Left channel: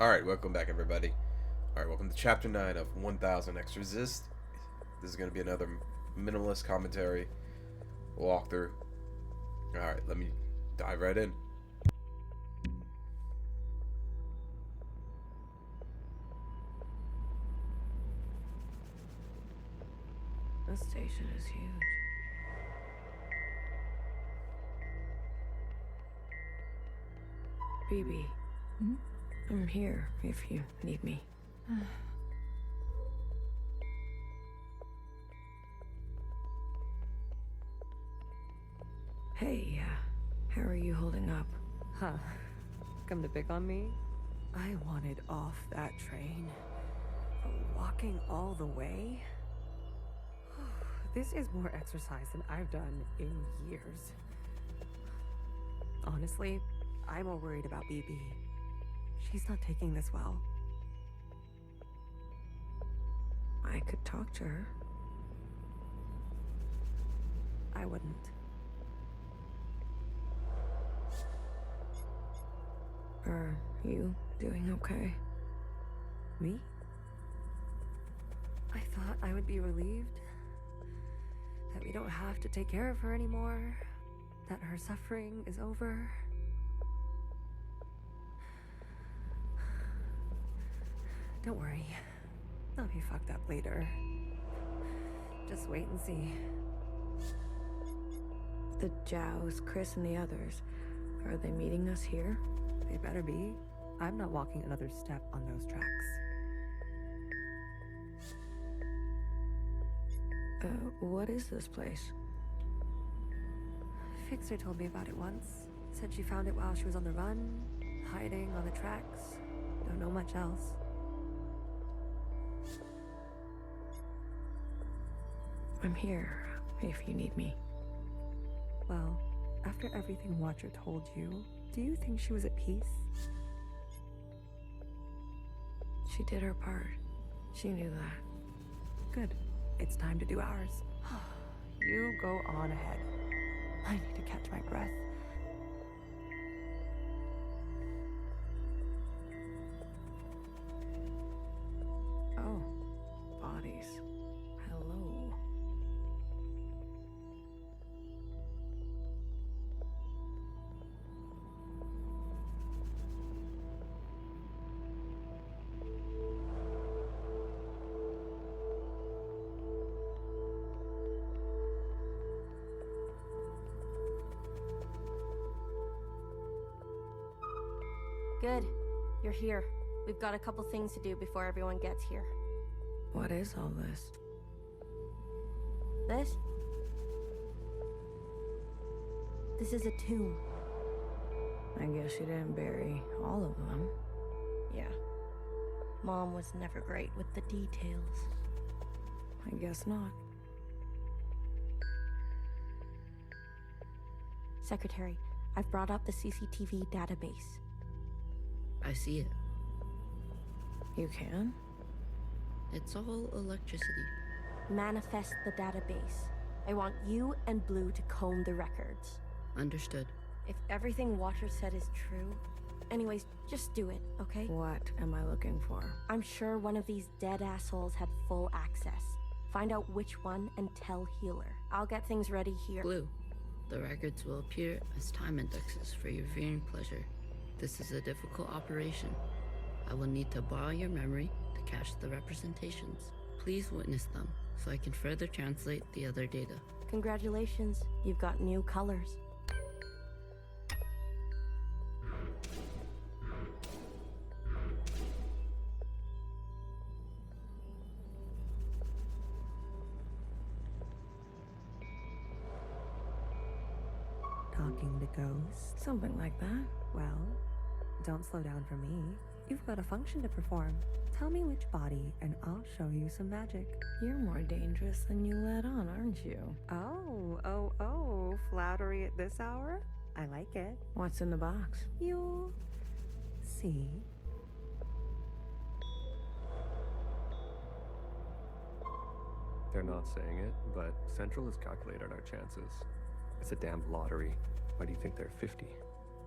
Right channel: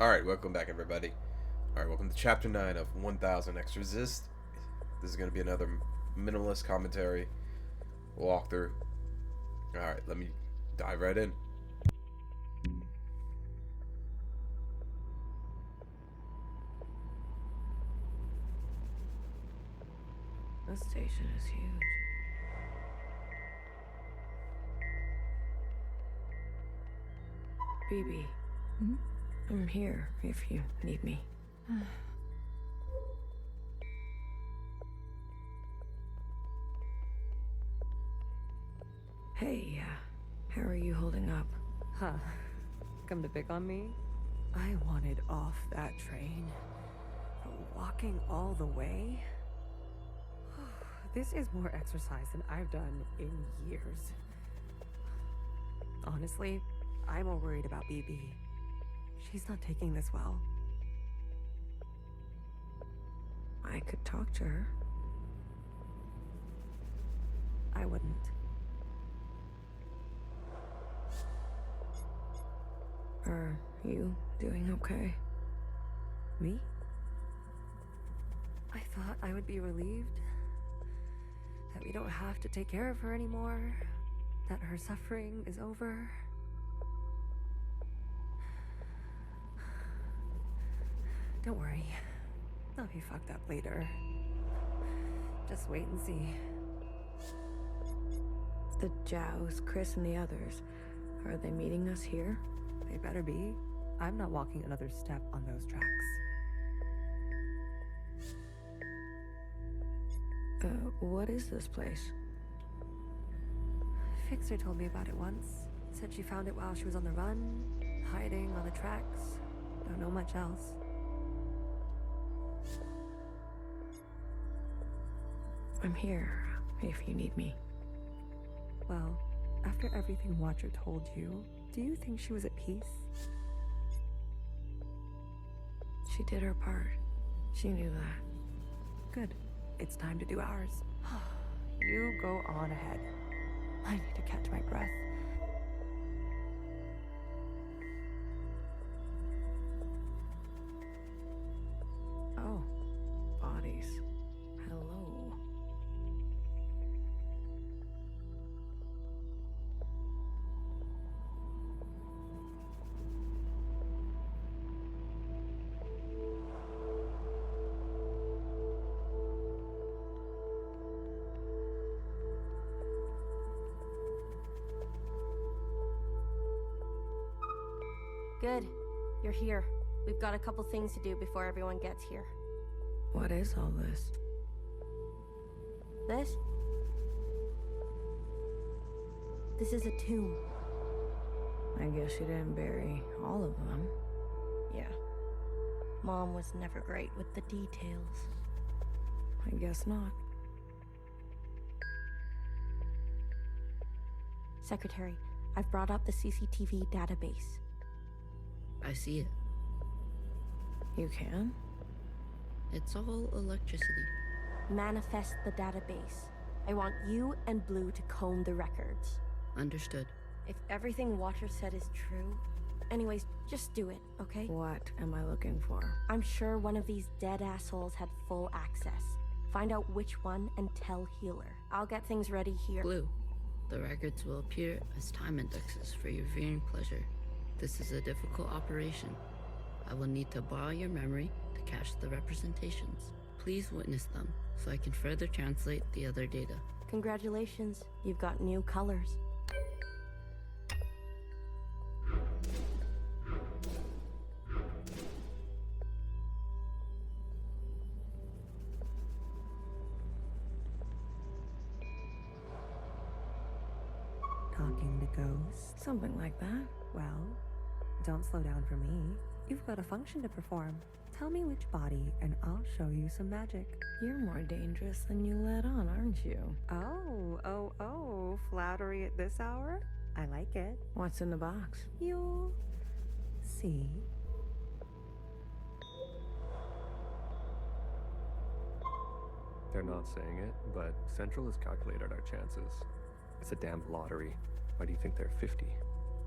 Alright, welcome back, everybody. Alright, welcome to Chapter 9 of 1000 X Resist. This is going to be another minimalist commentary walkthrough. Alright, let me dive right in. This station is huge. BB. I'm here if you need me. Hey, how are you holding up? Huh. Come to pick on me? I wanted off that train. But walking all the way? This is more exercise than I've done in years. Honestly, I'm more worried about BB. She's not taking this well. I could talk to her. I wouldn't. Are you doing okay? Me? I thought I would be relieved that we don't have to take care of her anymore, that her suffering is over. Don't worry, I'll be fucked up later. Just wait and see. The Jows, Chris, and the others, are they meeting us here? They better be. I'm not walking another step on those tracks. What is this place? Fixer told me about it once. Said she found it while she was on the run, hiding on the tracks. Don't know much else. I'm here if you need me. Well, after everything Watcher told you, do you think she was at peace? She did her part. She knew that. Good. It's time to do ours. You go on ahead. I need to catch my breath. Oh, bodies. Hello. Good. You're here. We've got a couple things to do before everyone gets here. What is all this? This? This is a tomb. I guess you didn't bury all of them. Yeah. Mom was never great with the details. I guess not. Secretary, I've brought up the CCTV database. I see it. You can? It's all electricity. Manifest the database. I want you and Blue to comb the records. Understood. If everything Watcher said is true... Anyways, just do it, okay? What am I looking for? I'm sure one of these dead assholes had full access. Find out which one and tell Healer. I'll get things ready here. Blue, the records will appear as time indexes for your viewing pleasure. This is a difficult operation. I will need to borrow your memory to cache the representations. Please witness them so I can further translate the other data. Congratulations, you've got new colors. Talking to ghosts? Something like that. Well, don't slow down for me. You've got a function to perform. Tell me which body, and I'll show you some magic. You're more dangerous than you let on, aren't you? Oh, flattery at this hour? I like it. What's in the box? You'll see. They're not saying it, but Central has calculated our chances. It's a damn lottery. Why do you think they're 50?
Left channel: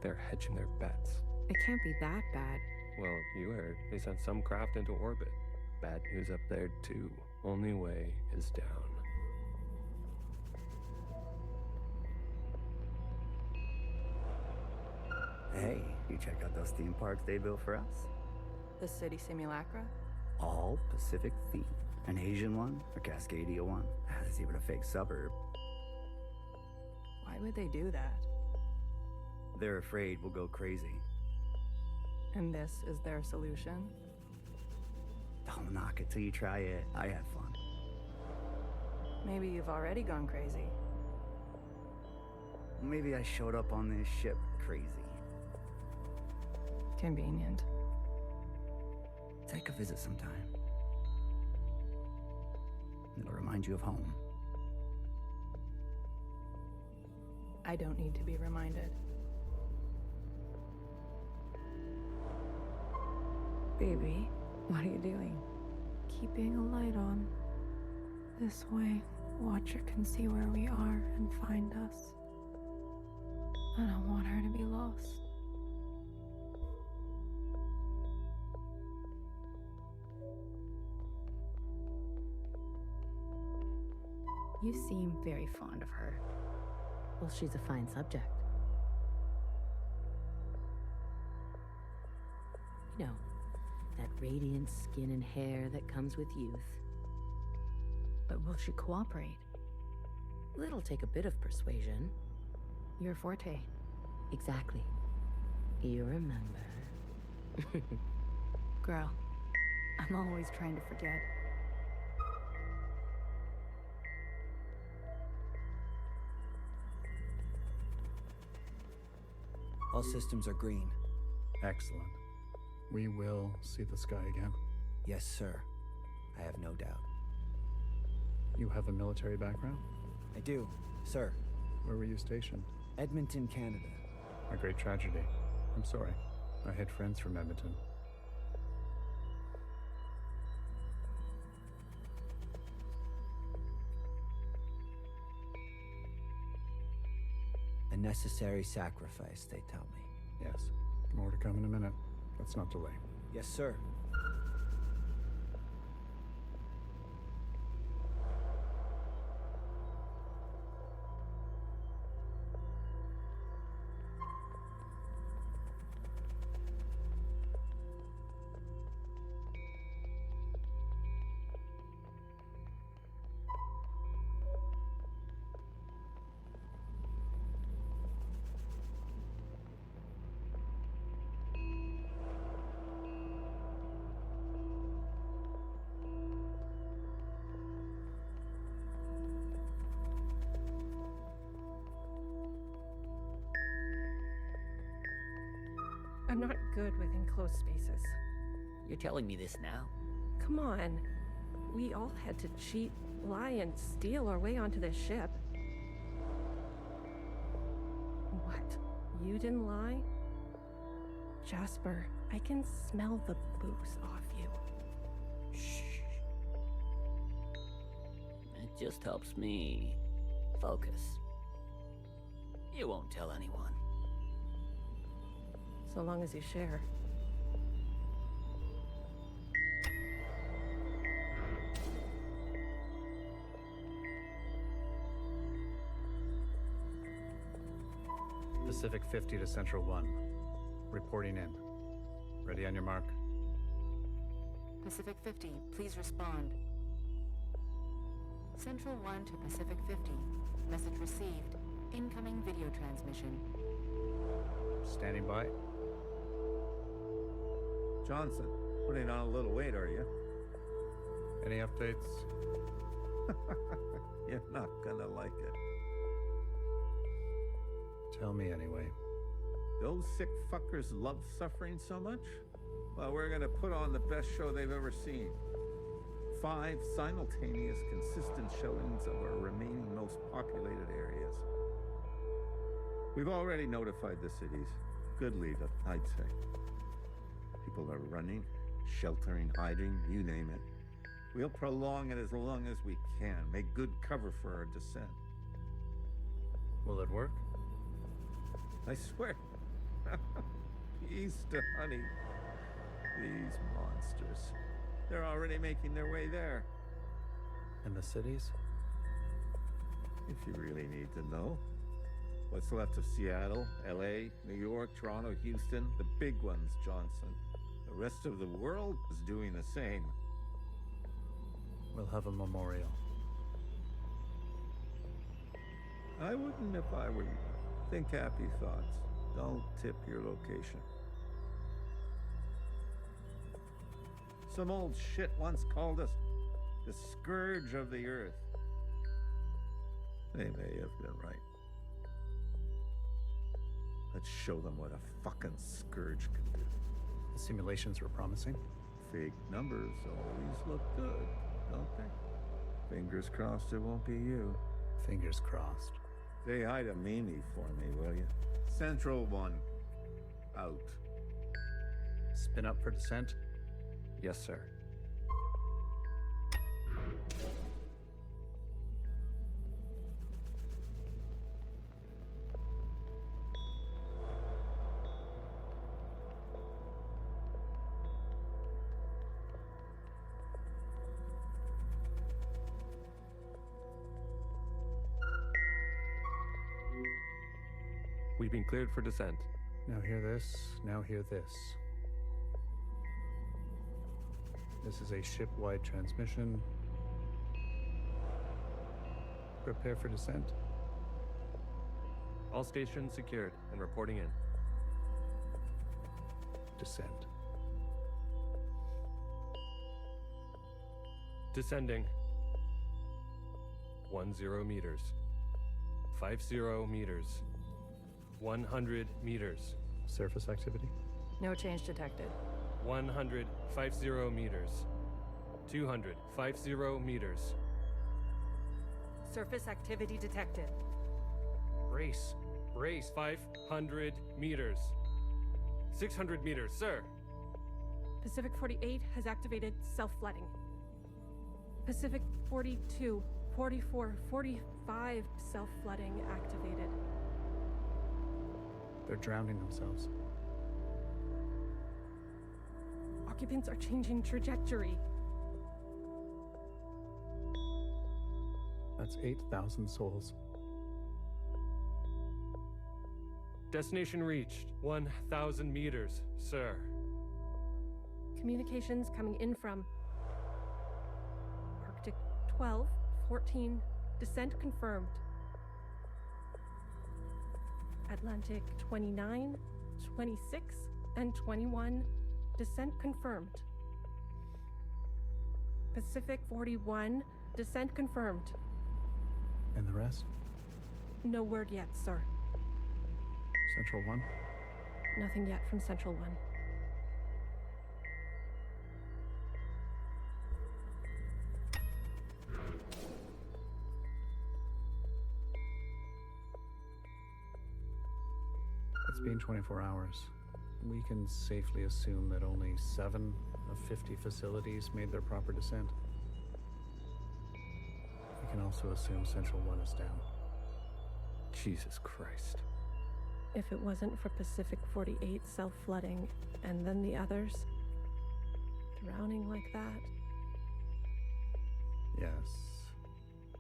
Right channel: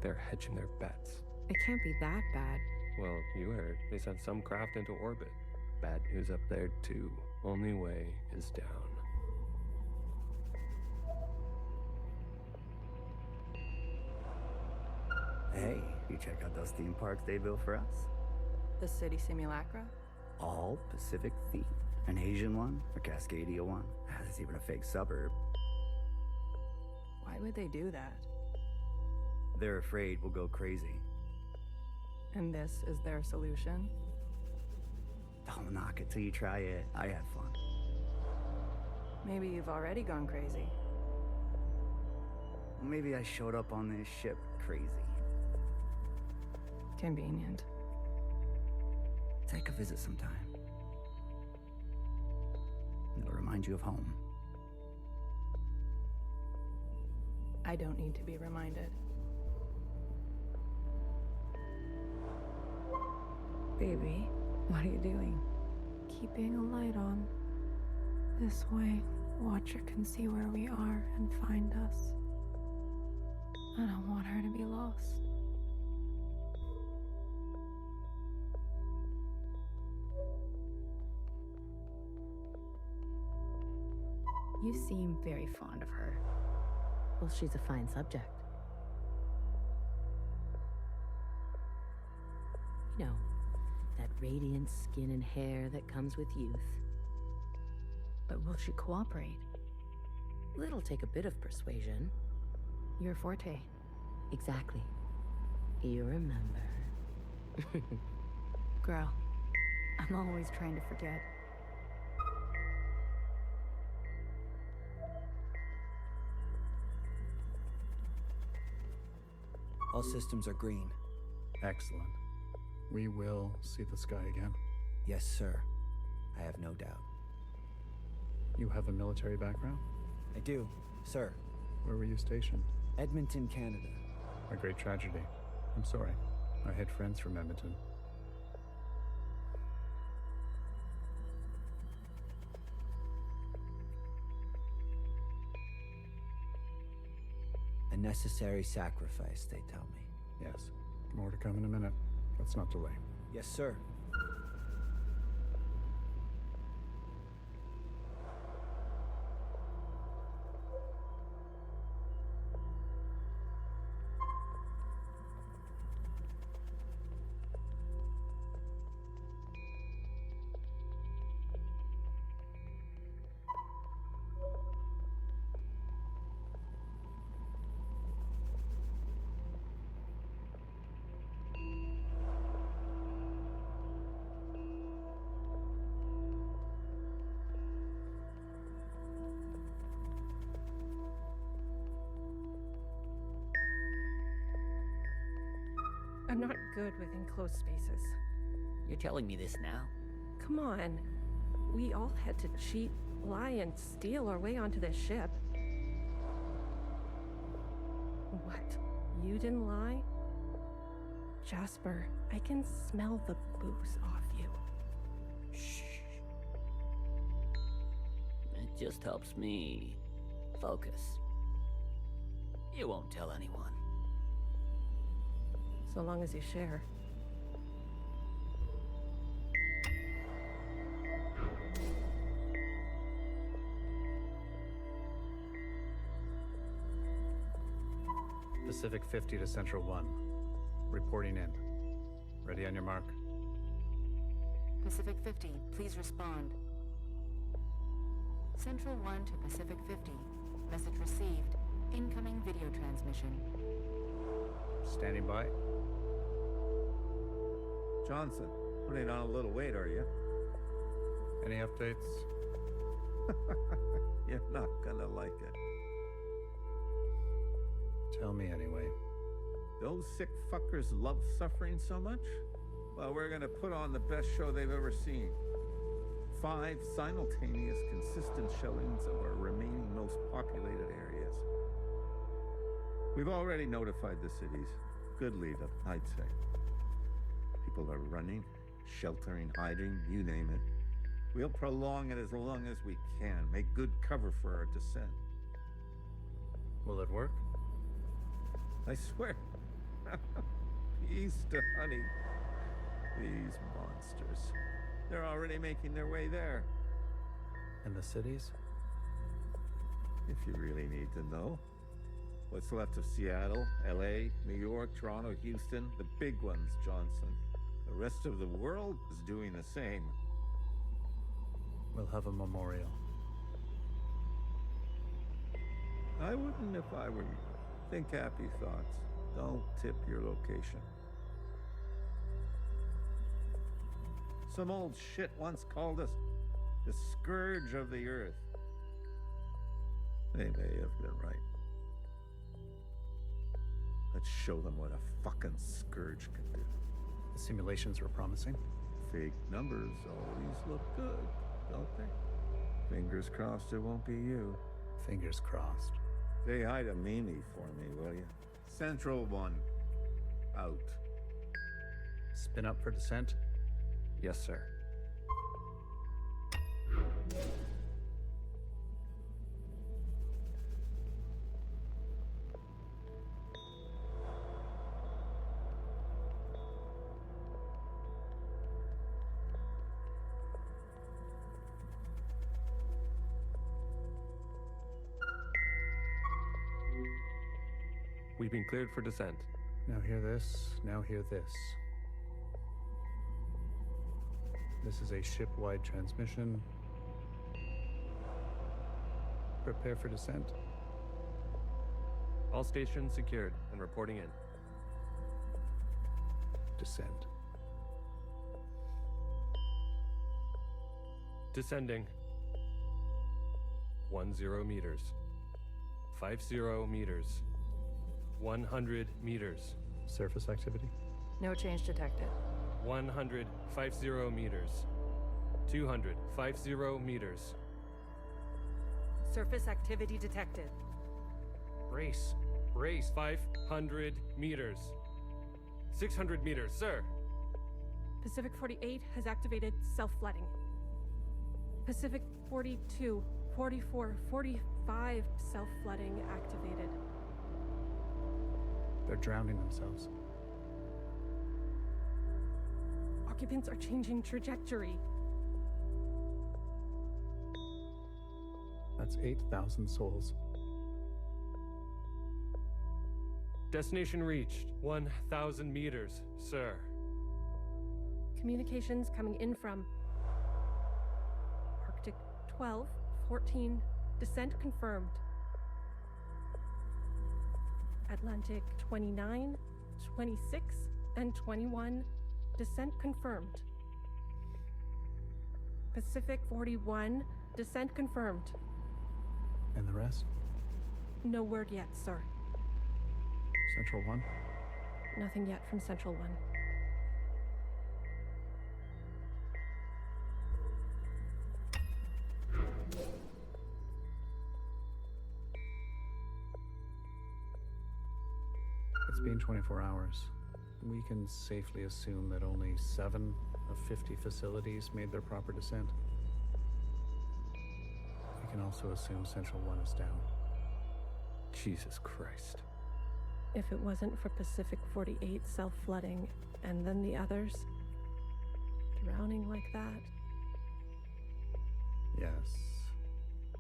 They're hedging their bets. It can't be that bad. Well, you heard. They sent some craft into orbit. Bad news up there, too. Only way is down. Hey, you check out those theme parks they built for us? The city simulacra? All Pacific themed. An Asian one, a Cascadia one. There's even a fake suburb. Why would they do that? They're afraid we'll go crazy. And this is their solution? Don't knock it till you try it. I had fun. Maybe you've already gone crazy. Maybe I showed up on this ship crazy. Convenient. Take a visit sometime. It'll remind you of home. I don't need to be reminded. Baby, what are you doing? Keeping a light on. This way, Watcher can see where we are and find us. I don't want her to be lost. You seem very fond of her. Well, she's a fine subject. You know, that radiant skin and hair that comes with youth. But will she cooperate? It'll take a bit of persuasion. Your forte. Exactly. You remember. Girl, I'm always trying to forget. All systems are green. Excellent. We will see the sky again. Yes, sir. I have no doubt. You have a military background? I do, sir. Where were you stationed? Edmonton, Canada. A great tragedy. I'm sorry. I had friends from Edmonton. A necessary sacrifice, they tell me. Yes. More to come in a minute. Let's not delay. Yes, sir. I'm not good with enclosed spaces. You're telling me this now? Come on. We all had to cheat, lie, and steal our way onto this ship. What? You didn't lie? Jasper, I can smell the booze off you. Shh. It just helps me focus. You won't tell anyone. So long as you share. Pacific 50 to Central 1. Reporting in. Ready on your mark. Pacific 50, please respond. Central 1 to Pacific 50. Message received. Incoming video transmission. Standing by. Johnson, putting on a little weight, are you? Any updates? You're not gonna like it. Tell me anyway. Those sick fuckers love suffering so much? Well, we're gonna put on the best show they've ever seen. 5 simultaneous, consistent showings of our remaining most populated areas. We've already notified the cities. Good lead, I'd say. People are running, sheltering, hiding, you name it. We'll prolong it as long as we can, make good cover for our descent. Will it work? I swear. Peace to honey. These monsters. They're already making their way there. And the cities? If you really need to know. What's left of Seattle, LA, New York, Toronto, Houston, the big ones, Johnson. The rest of the world is doing the same. We'll have a memorial. I wouldn't if I were you. Think happy thoughts. Don't tip your location. Some old shit once called us the scourge of the earth. They may have been right. Let's show them what a fucking scourge can do. The simulations were promising. Fake numbers always look good, don't they? Fingers crossed it won't be you. Fingers crossed. Say hi to Mimi for me, will you? Central 1. Out. Spin up for descent? Yes, sir. We've been cleared for descent. Now hear this, now hear this. This is a ship-wide transmission. Prepare for descent. All stations secured and reporting in. Descent. Descending. 10 meters. 50 meters. 100 meters. Surface activity? No change detected. 100, 50 meters. 200, 50 meters. Surface activity detected. Brace. Brace. 500 meters. 600 meters, sir. Pacific 48 has activated self-flooding. Pacific 42, 44, 45 self-flooding activated. They're drowning themselves. Occupants are changing trajectory. That's 8,000 souls. Destination reached. 1,000 meters, sir. Communications coming in from Arctic 12, 14, descent confirmed. Atlantic 29, 26, and 21, descent confirmed. Pacific 41, descent confirmed. And the rest? No word yet, sir. Central 1? Nothing yet from Central 1. It's been 24 hours. We can safely assume that only 7 of 50 facilities made their proper descent. We can also assume Central 1 is down. Jesus Christ. If it wasn't for Pacific 48 self-flooding, and then the others drowning like that. Yes.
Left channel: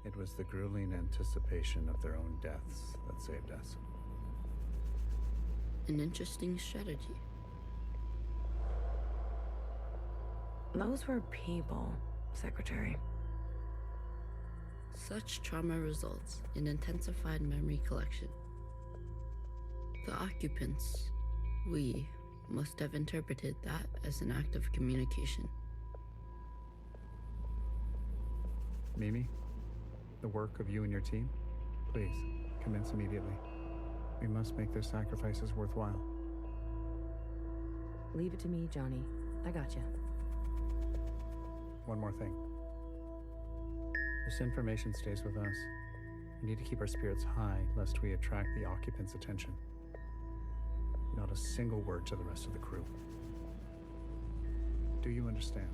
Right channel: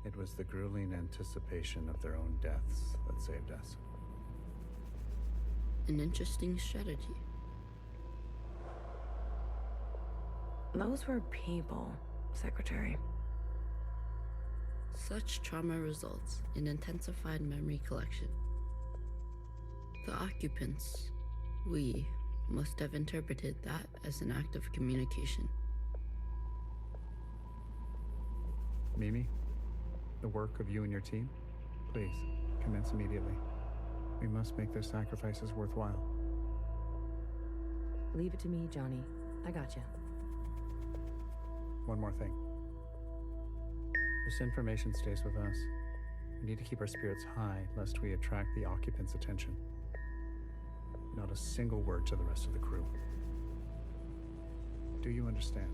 It was the grueling anticipation of their own deaths that saved us. An interesting strategy. Those were people, Secretary. Such trauma results in intensified memory collection. The occupants, we, must have interpreted that as an act of communication. Mimi, the work of you and your team, please, commence immediately. We must make their sacrifices worthwhile. Leave it to me, Johnny. I got you. One more thing. This information stays with us. We need to keep our spirits high, lest we attract the occupants' attention. Not a single word to the rest of the crew. Do you understand?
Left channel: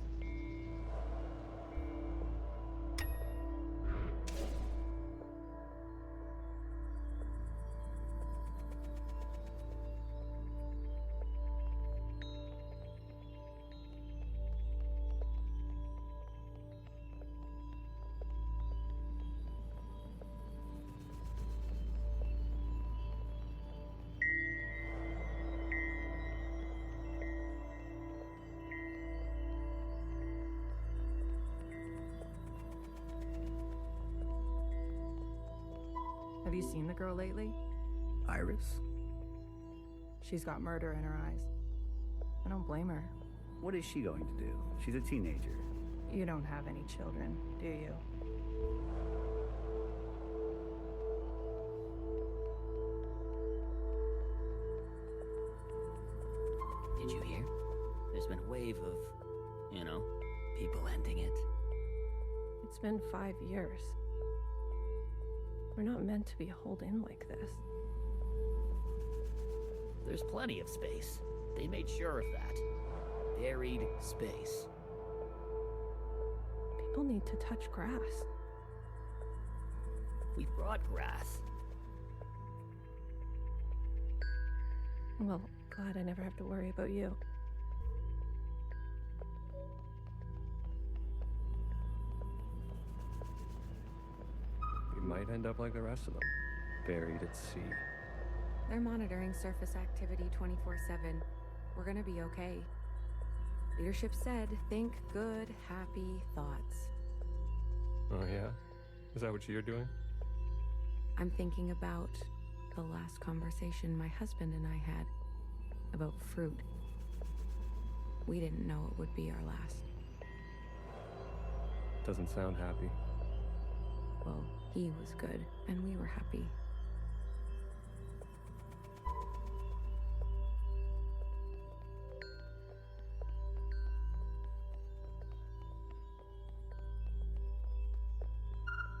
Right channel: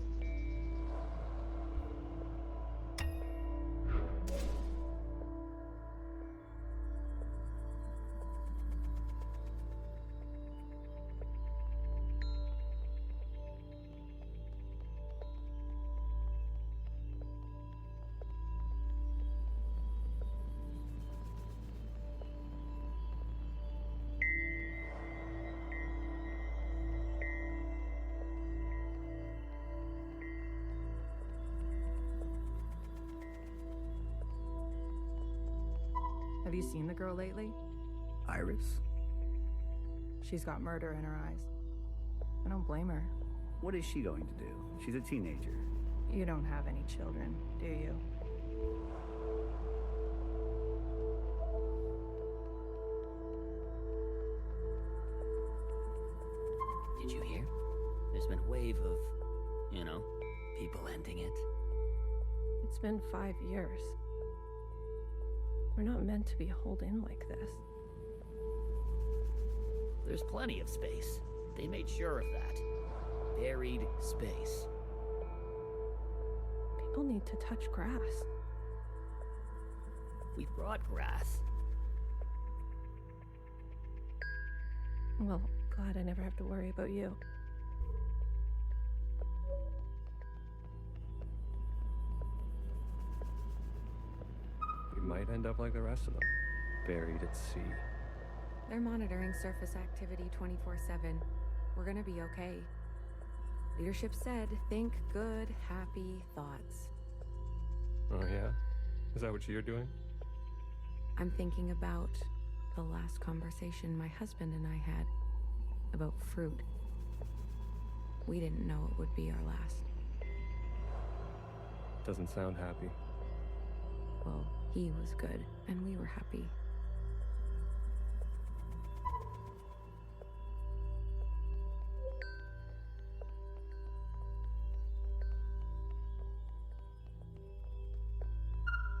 Have you seen the girl lately? Iris? She's got murder in her eyes. I don't blame her. What is she going to do? She's a teenager. You don't have any children, do you? Did you hear? There's been a wave of, people ending it. It's been 5 years. We're not meant to be holed in like this. There's plenty of space. They made sure of that. Buried space. People need to touch grass. We brought grass. Well, glad I never have to worry about you. We might end up like the rest of them, buried at sea. They're monitoring surface activity 24/7. We're gonna be okay. Leadership said, think good, happy thoughts. Oh yeah? Is that what you're doing? I'm thinking about the last conversation my husband and I had about fruit. We didn't know it would be our last. Doesn't sound happy. Well, he was good, and we were happy.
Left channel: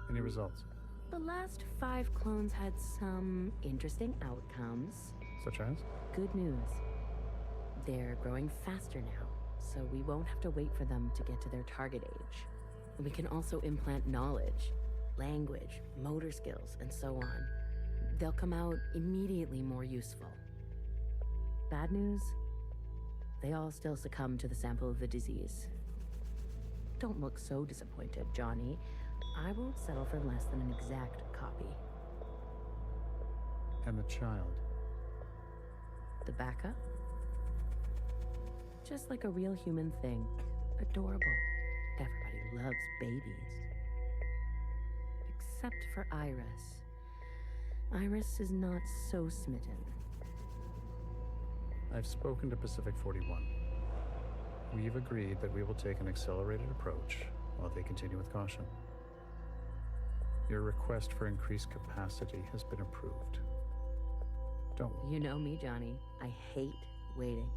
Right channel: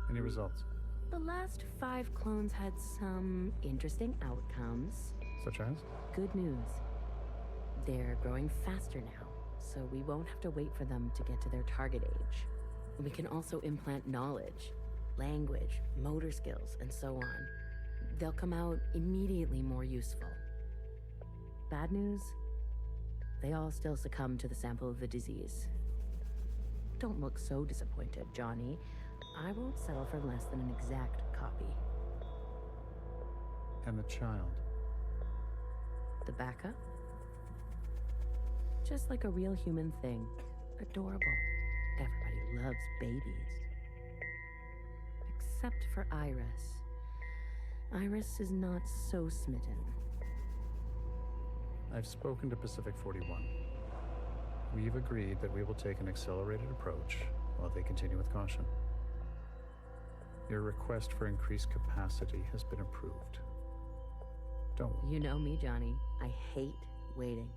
Any results? The last 5 clones had some interesting outcomes. Such as? Good news. They're growing faster now, so we won't have to wait for them to get to their target age. We can also implant knowledge, language, motor skills, and so on. They'll come out immediately more useful. Bad news? They all still succumb to the sample of the disease. Don't look so disappointed, Johnny. I won't settle for less than an exact copy. And the child? The backup? Just like a real human thing. Adorable. Everybody loves babies. Except for Iris. Iris is not so smitten. I've spoken to Pacific 41. We've agreed that we will take an accelerated approach while they continue with caution. Your request for increased capacity has been approved. Don't worry. You know me, Johnny. I hate waiting.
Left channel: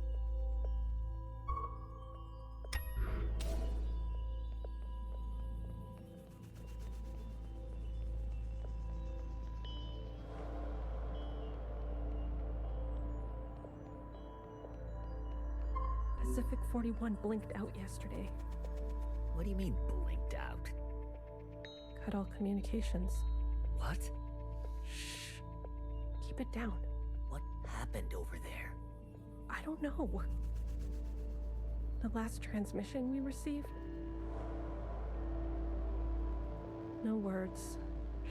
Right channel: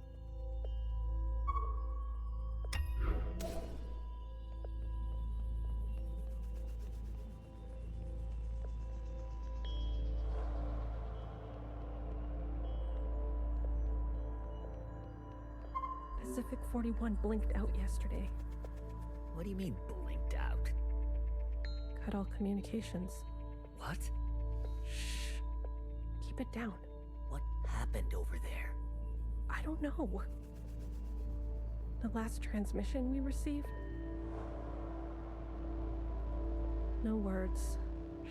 Pacific 41 blinked out yesterday. What do you mean, blinked out? Cut all communications. What? Shh. Keep it down. What happened over there? I don't know. The last transmission we received? No words.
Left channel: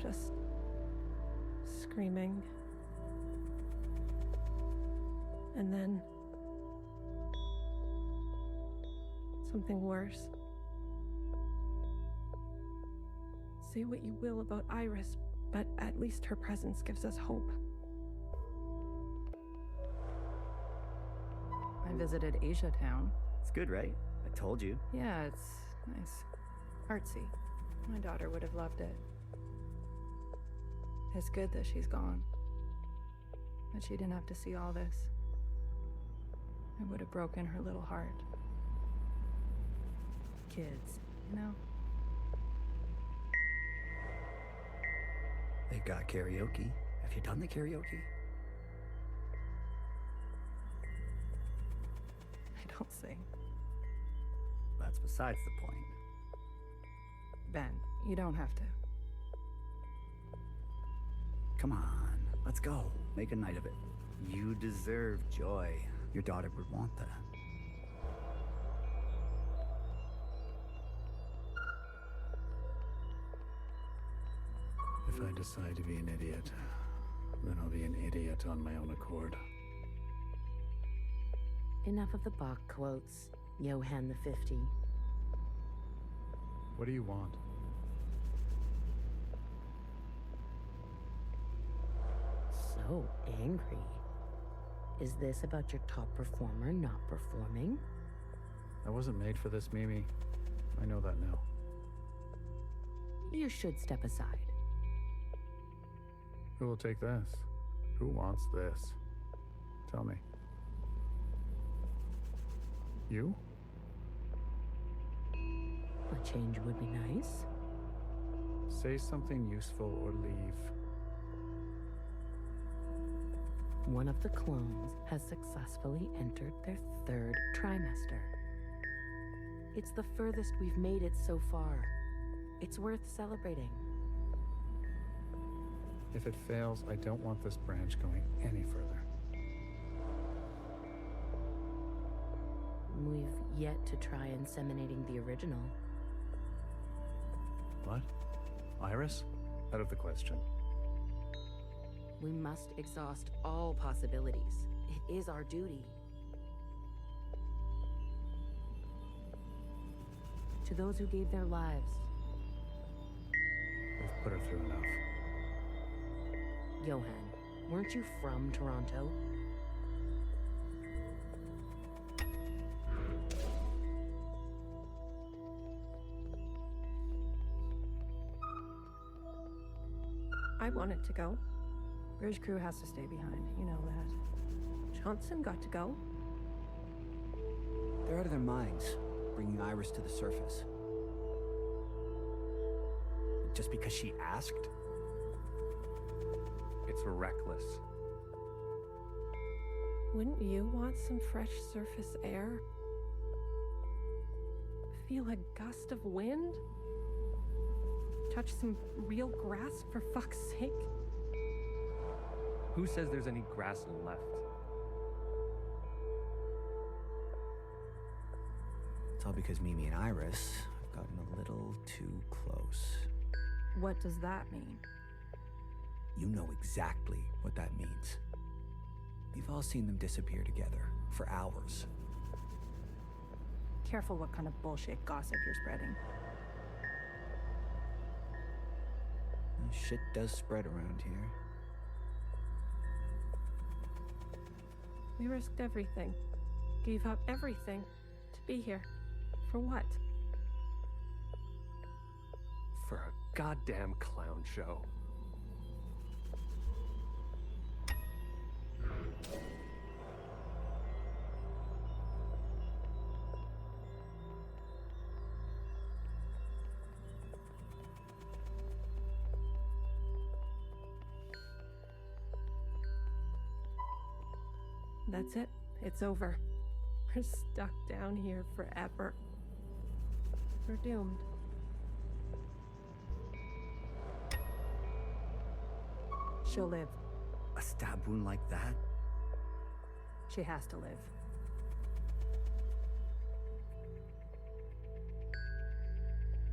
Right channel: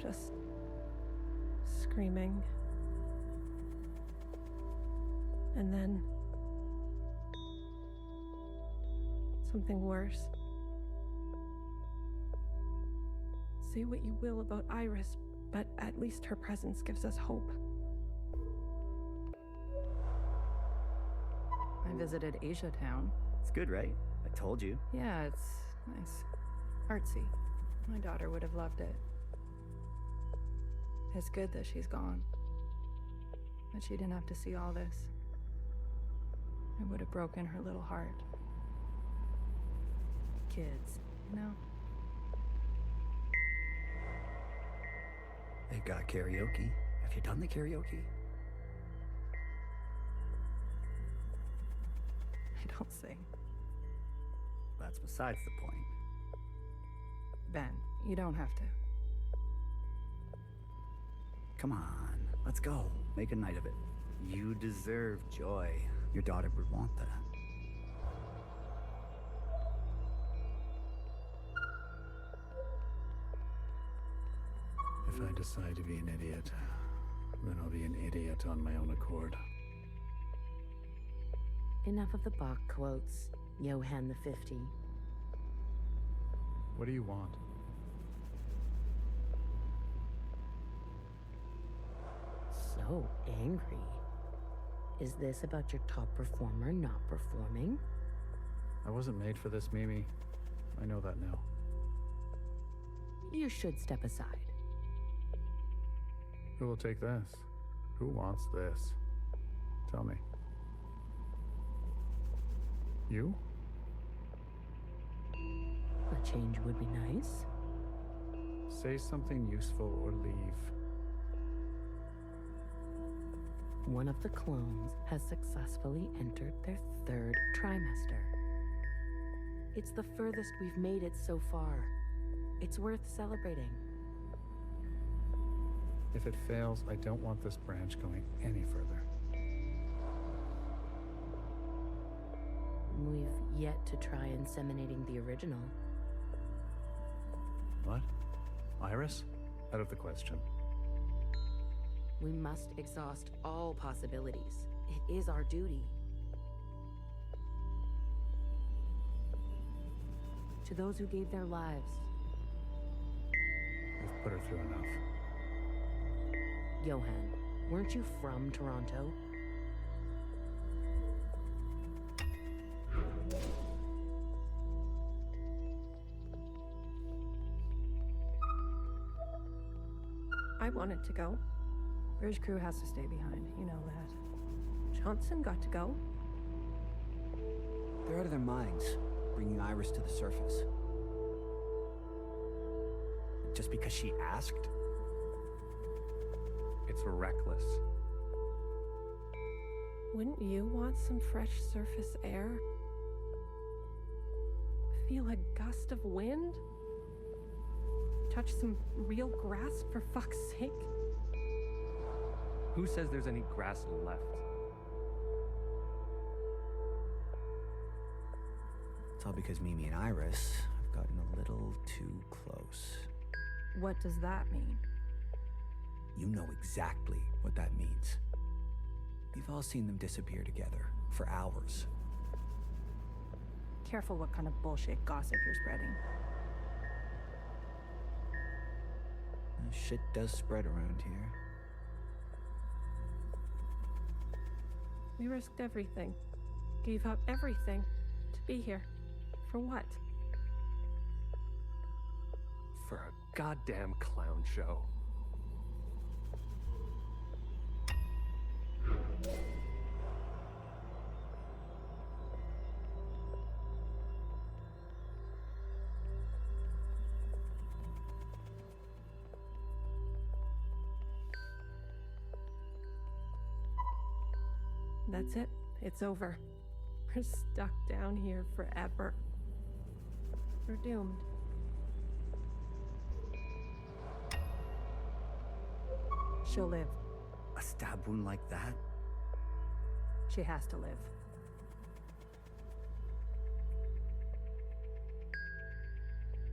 Just screaming. And then something worse. Say what you will about Iris, but at least her presence gives us hope. I visited Asia Town. It's good, right? I told you. Yeah, it's nice. Artsy. My daughter would have loved it. It's good that she's gone. That she didn't have to see all this. It would have broken her little heart. Kids, you know? They've got karaoke. Have you done the karaoke? I don't sing. That's besides the point. Ben, you don't have to. Come on, let's go. Make a night of it. You deserve joy. Your daughter would want that. If I decide to be an idiot, then I'll be an idiot on my own accord. Enough of the Bach quotes, Johann the 50. What do you want? so angry. Is this about your top performer not performing? I wasn't made for this, Mimi. I know that now. You should step aside. Who will take this? Who wants this? Tell me. You? A change would be nice. Say something useful or leave. One of the clones has successfully entered their 3rd trimester. It's the furthest we've made it so far. It's worth celebrating. If it fails, I don't want this branch going any further. We've yet to try inseminating the original. What? Iris? Out of the question. We must exhaust all possibilities. It is our duty. To those who gave their lives. We've put her through enough. Johan, weren't you from Toronto? I wanted to go. Bridge crew has to stay behind. You know that. Johnson got to go. They're out of their minds, bringing Iris to the surface. Just because she asked? It's reckless. Wouldn't you want some fresh surface air? Feel a gust of wind? Touch some real grass, for fuck's sake? Who says there's any grass left? It's all because Mimi and Iris have gotten a little too close. What does that mean? You know exactly what that means. We've all seen them disappear together for hours. Careful what kind of bullshit gossip you're spreading. Shit does spread around here. We risked everything. Gave up everything to be here. For what? For a goddamn clown show. That's it. It's over. We're stuck down here forever. We're doomed. She'll live. A stab wound like that? She has to live.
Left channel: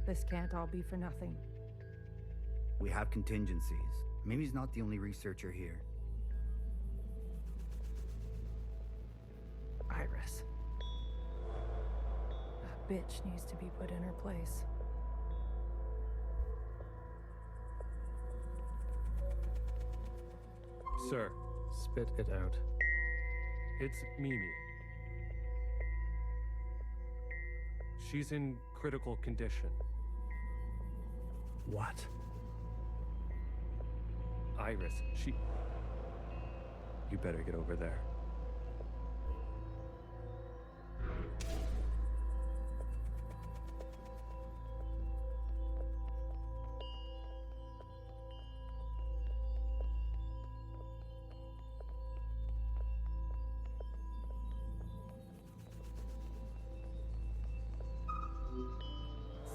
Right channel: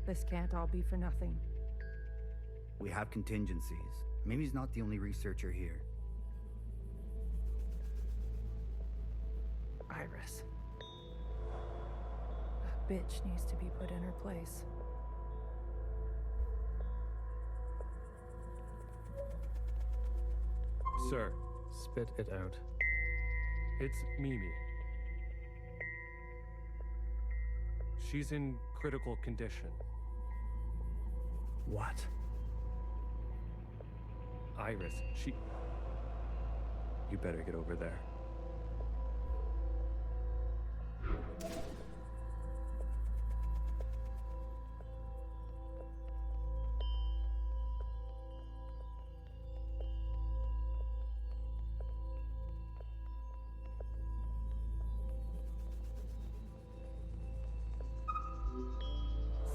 This can't all be for nothing. We have contingencies. Mimi's not the only researcher here. Iris. That bitch needs to be put in her place. Sir. Spit it out. It's Mimi. She's in critical condition. What? Iris, she... You better get over there.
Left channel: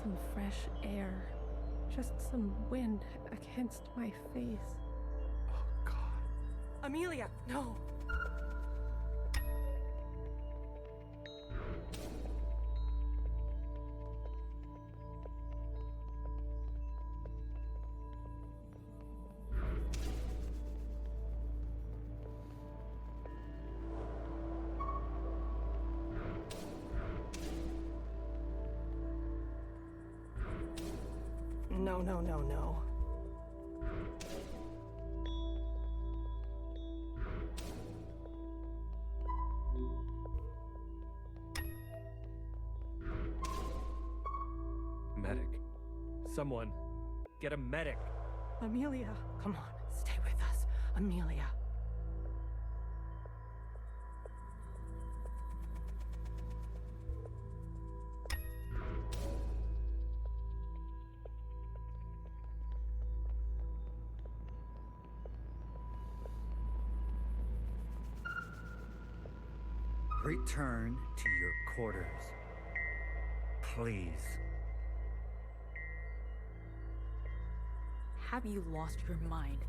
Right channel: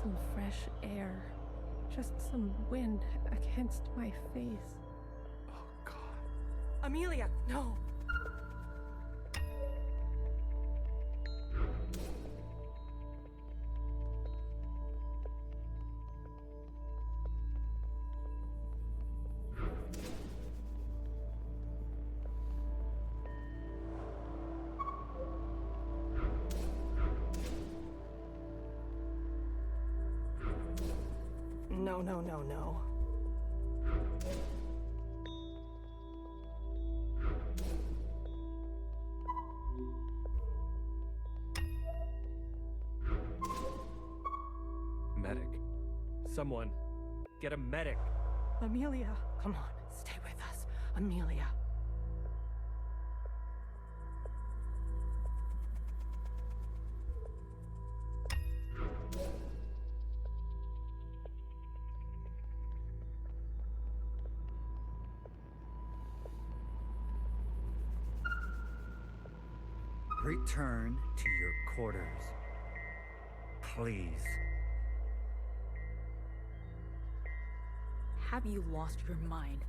Some fresh air. Just some wind against my face. Oh, God. Amelia, no! No, no, no, no. medic. Someone, get a medic. Amelia, come on, stay with us. Amelia. Return to your quarters. Please. Have you lost your mind?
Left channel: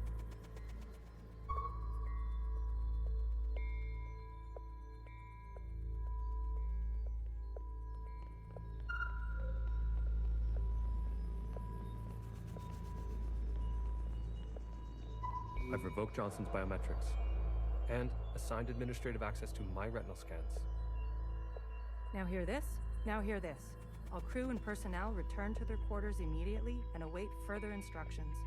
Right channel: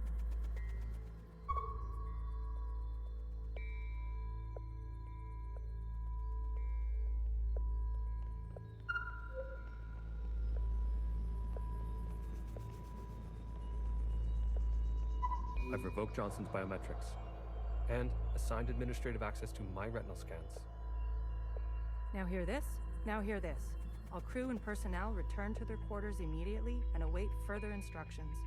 I've revoked Johnson's biometrics and assigned administrative access to my retinal scans. Now hear this? Now hear this. All crew and personnel return to their quarters immediately and await further instructions.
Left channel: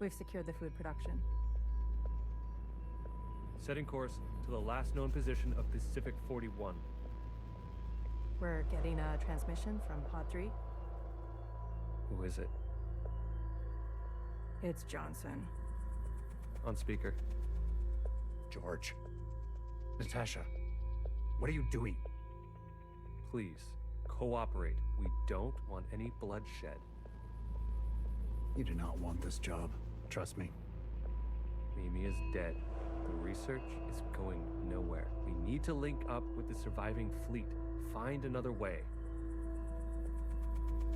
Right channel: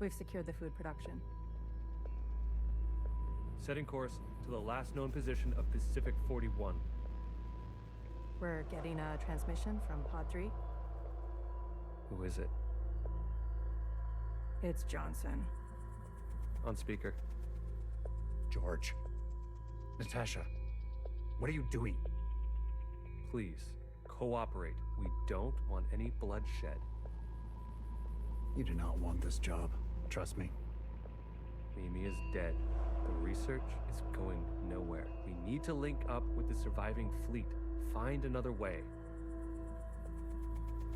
We've secured the food production. Setting course to the last known position of Pacific 41. We're getting a transmission from Pod 3. Who is it? It's Johnson. On speaker. George. Natasha. What are you doing? Please, cooperate. We don't want any bloodshed. You do not want this job. Trust me. Mimi is dead. The research is going nowhere. We need to link up with the surviving fleet. Find another way.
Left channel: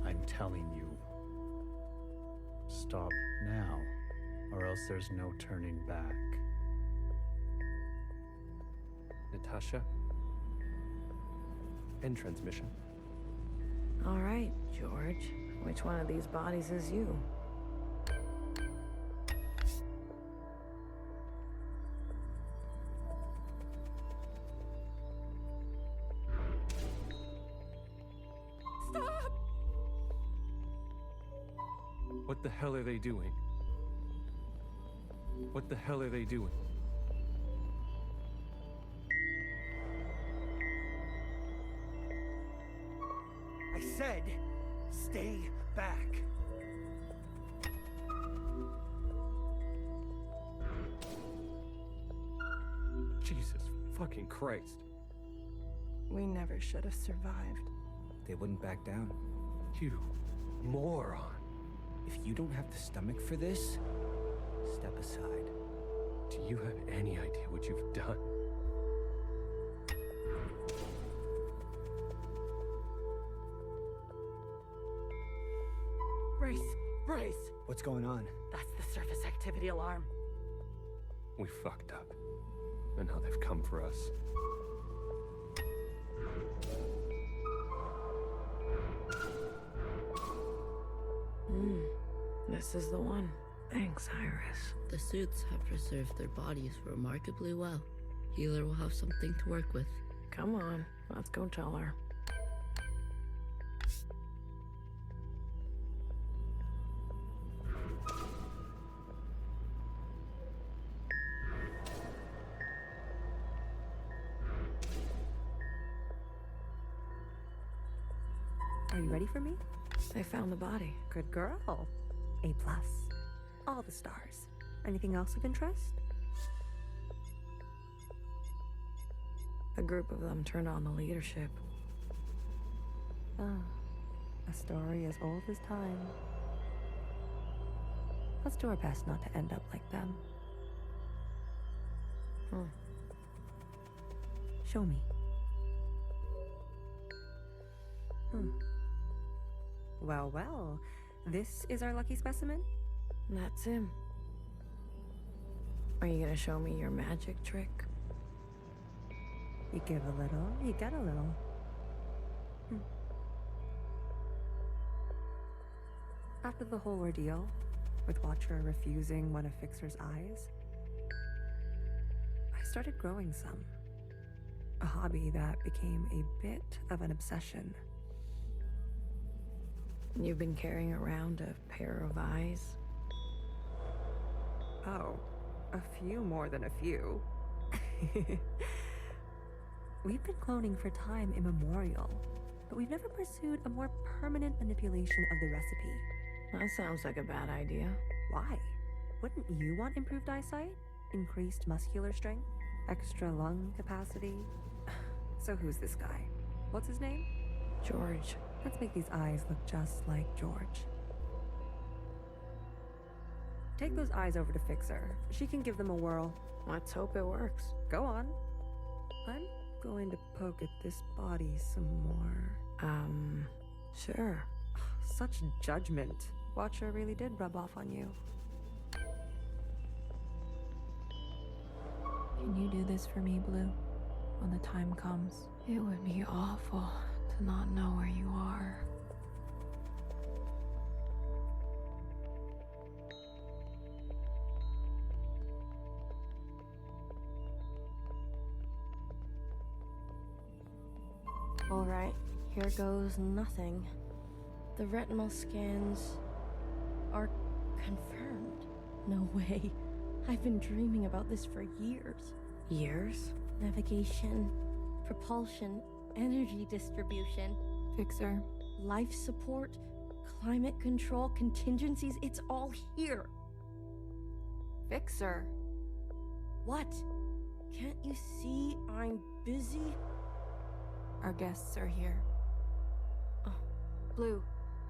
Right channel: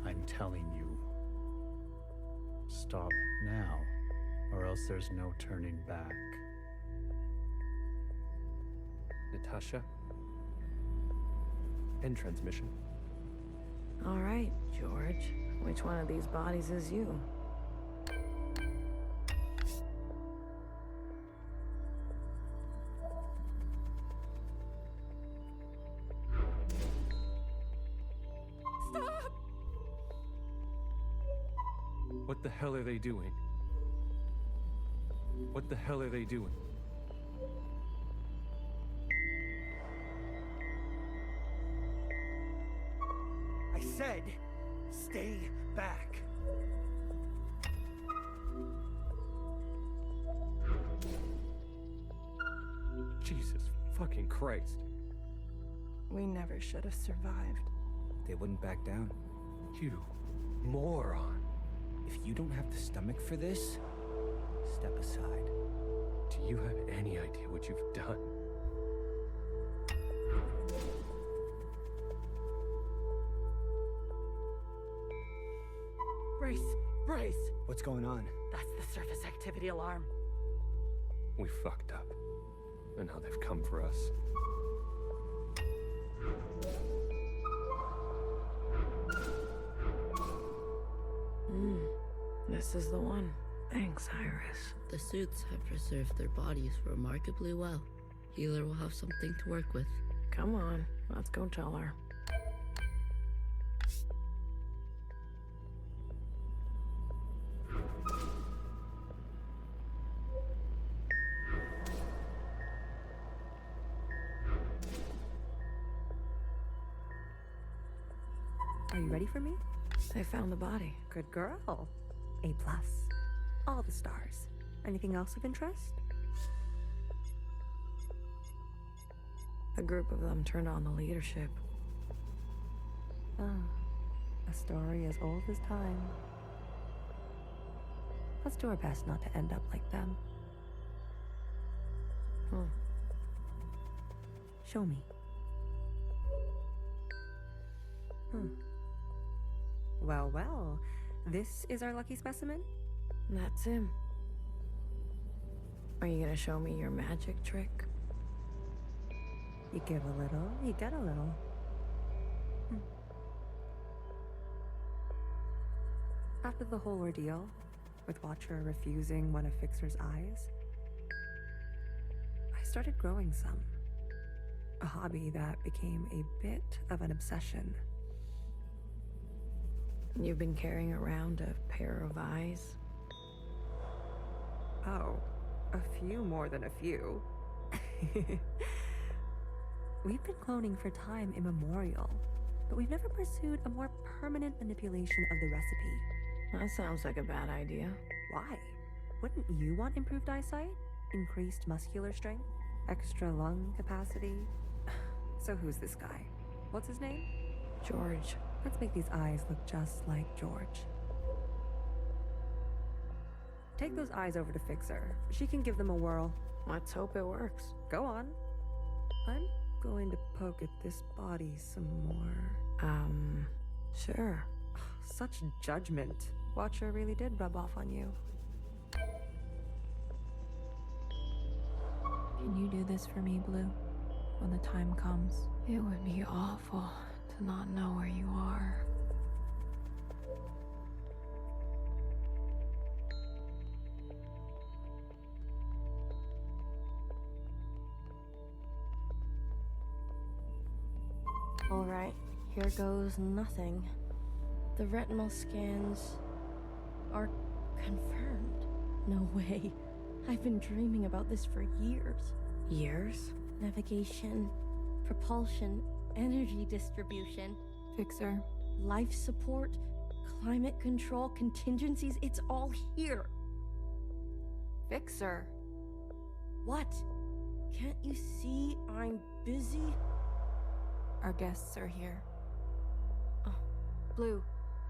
I'm telling you. Stop now, or else there's no turning back. Natasha? End transmission. All right, George. Which one of these bodies is you? Stop! What the hell are they doing? What the hell are they doing? I said, stay back. Jesus fucking Christ. We never should have survived. They wouldn't back down. You moron. If you don't have the stomach for this, step aside. Do you have any idea what you've done? Brace! Brace! What's going on? That's the surface activity alarm. We fucked up. And now they've come for us. This is the one. Thanks, Iris. The suits have preserved their bodies remarkably well. Healer will have something to work with. Come on, let's go tell her. Are you ready for me? They found the body. Good girl. A+. All the stars. Anything else of interest? A group of them turned on the leadership. Ah, a story as old as time. Let's do our best not to end up like them. Show me. Well, well. This is our lucky specimen? That's him. Are you gonna show me your magic trick? You give a little, you get a little. After the whole ordeal, with Watcher refusing one of Fixer's eyes, I started growing some. A hobby that became a bit of an obsession. You've been carrying around a pair of eyes? Oh, a few more than a few. We've been cloning for time immemorial. but we've never pursued a more permanent manipulation of the recipe. That sounds like a bad idea. Why? Wouldn't you want improved eyesight? Increased muscular strength? Extra lung capacity? So who's this guy? What's his name? George. Let's make these eyes look just like George. Take those eyes over to Fixer. She can give them a whirl. Let's hope it works. Go on. I'm going to poke at this body some more. Sure. Such judgment. Watcher really did rub off on you. Can you do this for me, Blue? When the time comes? It would be awful to not know where you are. Alright, here goes nothing. The retinal scans are confirmed. No way. I've been dreaming about this for years. Years? Navigation, propulsion, energy distribution, Fixer. life support, climate control, contingencies, it's all here. Fixer. What? Can't you see I'm busy? Our guests are here. Oh, Blue,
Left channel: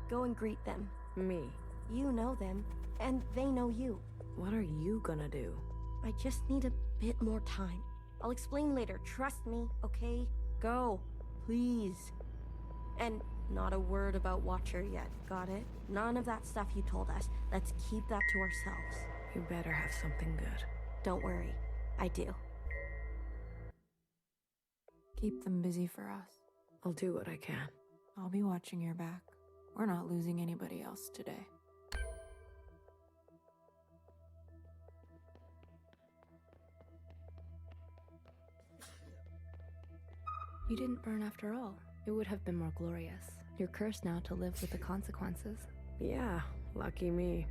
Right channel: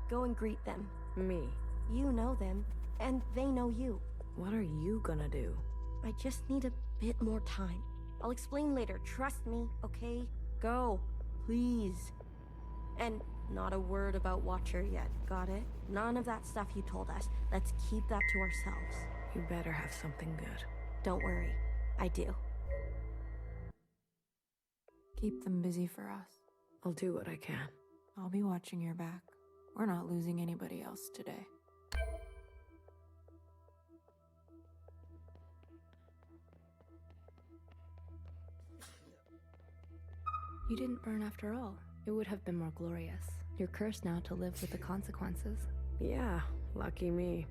go and greet them. Me. You know them, and they know you. What are you gonna do? I just need a bit more time. I'll explain later, trust me, okay? Go, please. And not a word about Watcher yet, got it? None of that stuff you told us. Let's keep that to ourselves. You better have something good. Don't worry, I do. Keep them busy for us. I'll do what I can. I'll be watching your back. We're not losing anybody else today. You didn't burn after all. It would have been more glorious. You're cursed now to live with the consequences. Yeah, lucky me.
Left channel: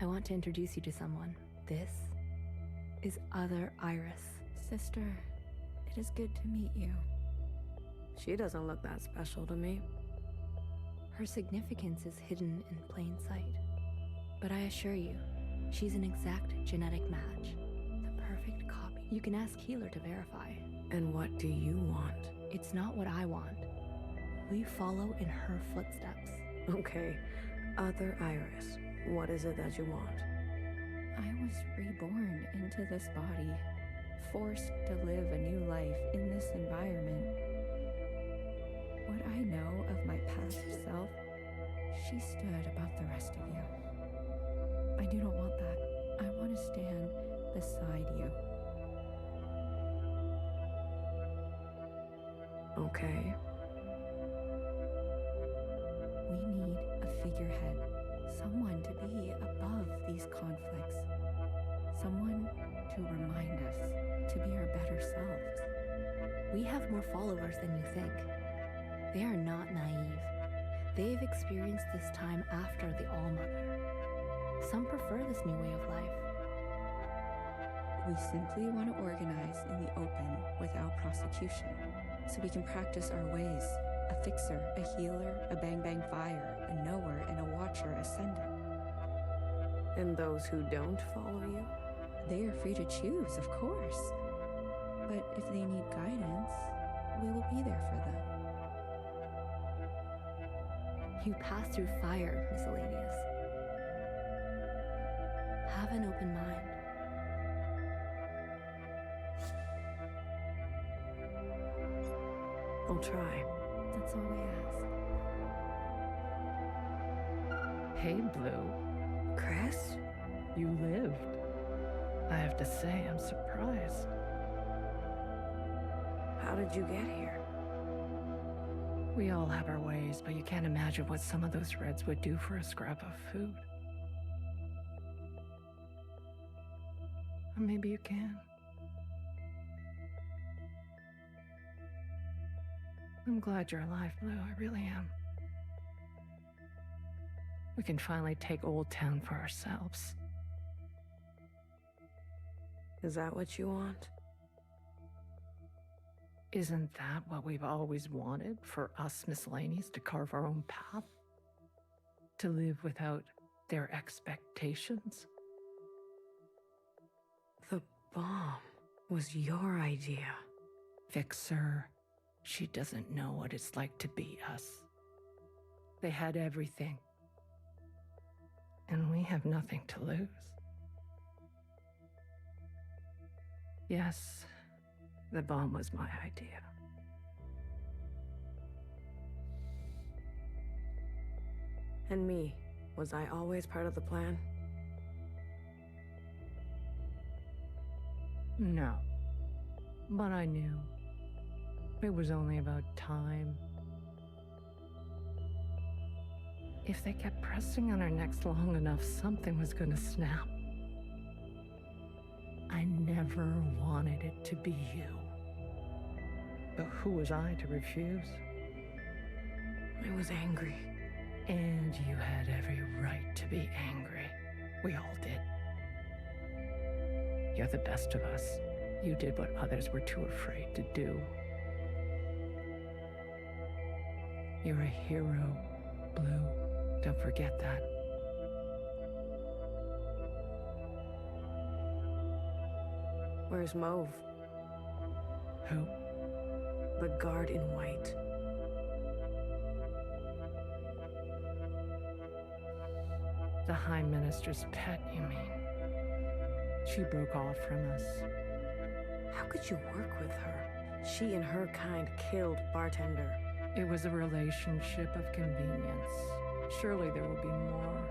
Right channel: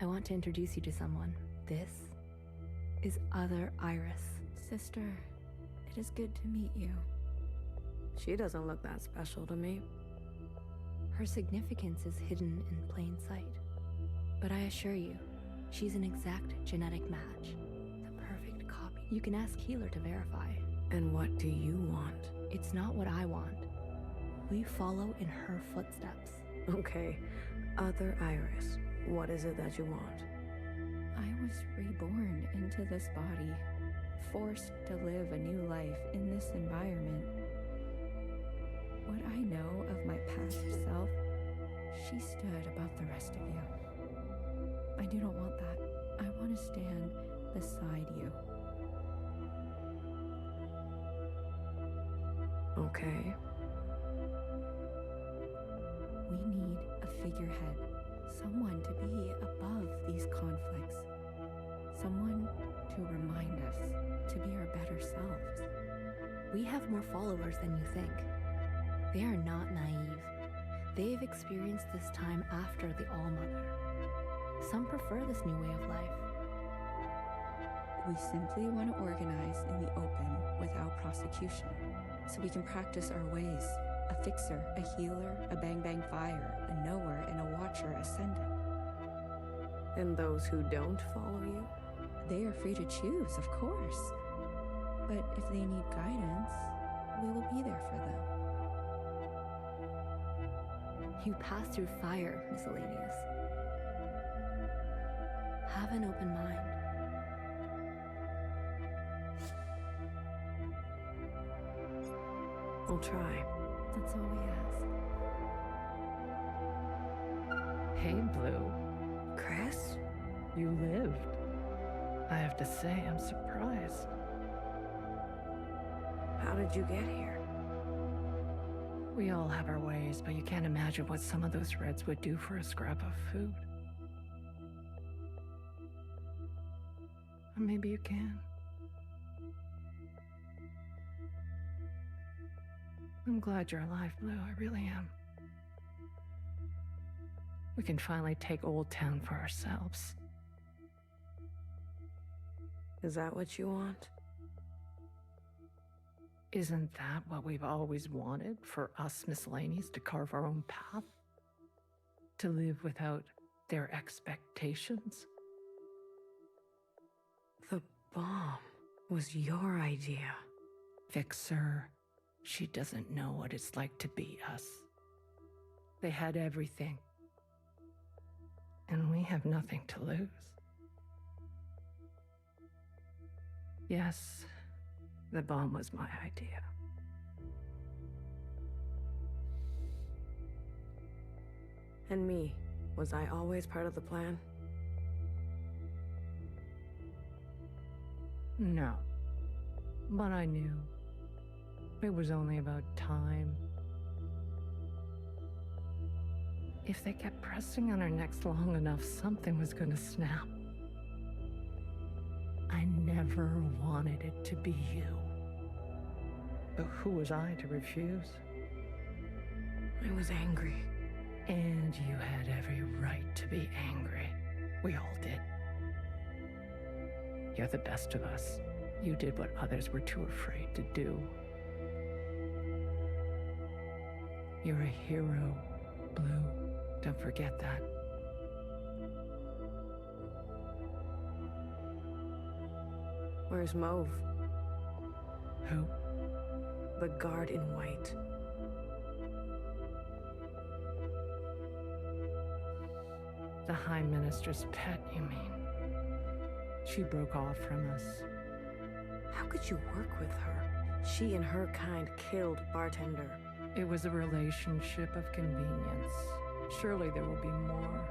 I want to introduce you to someone. This is Other Iris. Sister, it is good to meet you. She doesn't look that special to me. Her significance is hidden in plain sight. But I assure you, she's an exact genetic match. The perfect copy. You can ask Healer to verify. And what do you want? It's not what I want. We follow in her footsteps. Okay, Other Iris, what is it that you want? I was reborn into this body, forced to live a new life in this environment. What I know of my past self, she stood above the rest of you. I do not want that. I want to stand beside you. Okay. We need a figurehead, someone to be above these conflicts, someone to remind us to be our better selves. We have more followers than you think. They are not naive. They've experienced this time after the All-Mother. Some prefer this new way of life. We simply want to organize in the open without prosecution, so we can practice our ways. A fixer, a healer, a bang-bang fire, a knower, and a watcher ascendant. And those who don't follow you? They are free to choose, of course. But if they need guidance, we will be there for them. You pass through fire, Miscellaneous. Have an open mind. I'll try. That's all we ask. Hey, Blue. Chris? You lived. I have to say, I'm surprised. How did you get here? We all have our ways, but you can't imagine what some of those Reds would do for a scrap of food. Or maybe you can. I'm glad you're alive, Blue. I really am. We can finally take Old Town for ourselves. Is that what you want? Isn't that what we've always wanted, for us miscellaneous to carve our own path? To live without their expectations? The bomb was your idea. Fixer, she doesn't know what it's like to be us. They had everything. And we have nothing to lose. Yes, the bomb was my idea. And me, was I always part of the plan? No. But I knew. It was only about time. If they kept pressing on our necks long enough, something was gonna snap. I never wanted it to be you. But who was I to refuse? I was angry. And you had every right to be angry. We all did. You're the best of us. You did what others were too afraid to do. You're a hero, Blue. Don't forget that. Where's Mauve? Who? The guard in white. The High Minister's pet, you mean? She broke off from us. How could you work with her? She and her kind killed Bartender. It was a relationship of convenience. Surely there will be more.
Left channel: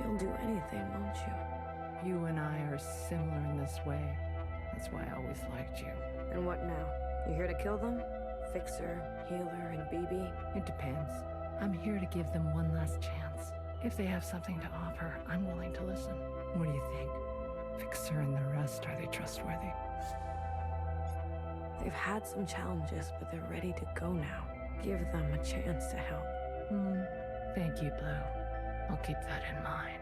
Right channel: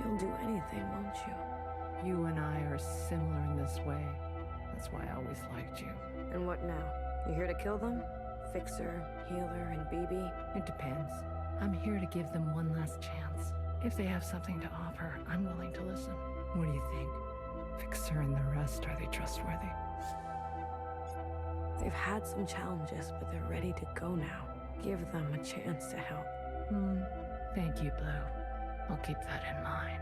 You'll do anything, won't you? You and I are similar in this way. That's why I always liked you. And what now? You here to kill them? Fixer, Healer, and BB? It depends. I'm here to give them one last chance. If they have something to offer, I'm willing to listen. What do you think? Fixer and the rest, are they trustworthy? They've had some challenges, but they're ready to go now. Give them a chance to help. Thank you, Blue. I'll keep that in mind.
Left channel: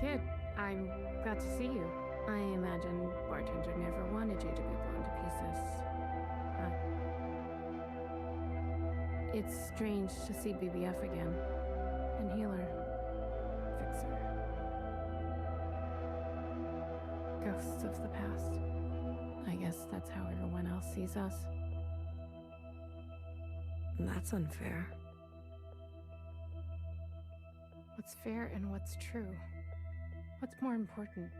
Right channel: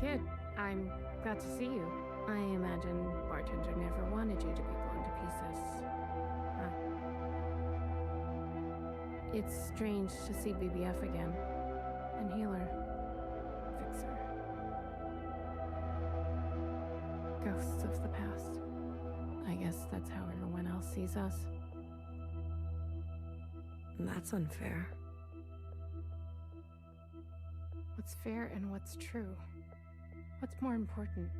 Kid, I'm glad to see you. I imagine Bartender never wanted you to be blown to pieces. It's strange to see BBF again. And Healer. Fixer. Ghosts of the past. I guess that's how everyone else sees us. That's unfair. What's fair and what's true? What's more important?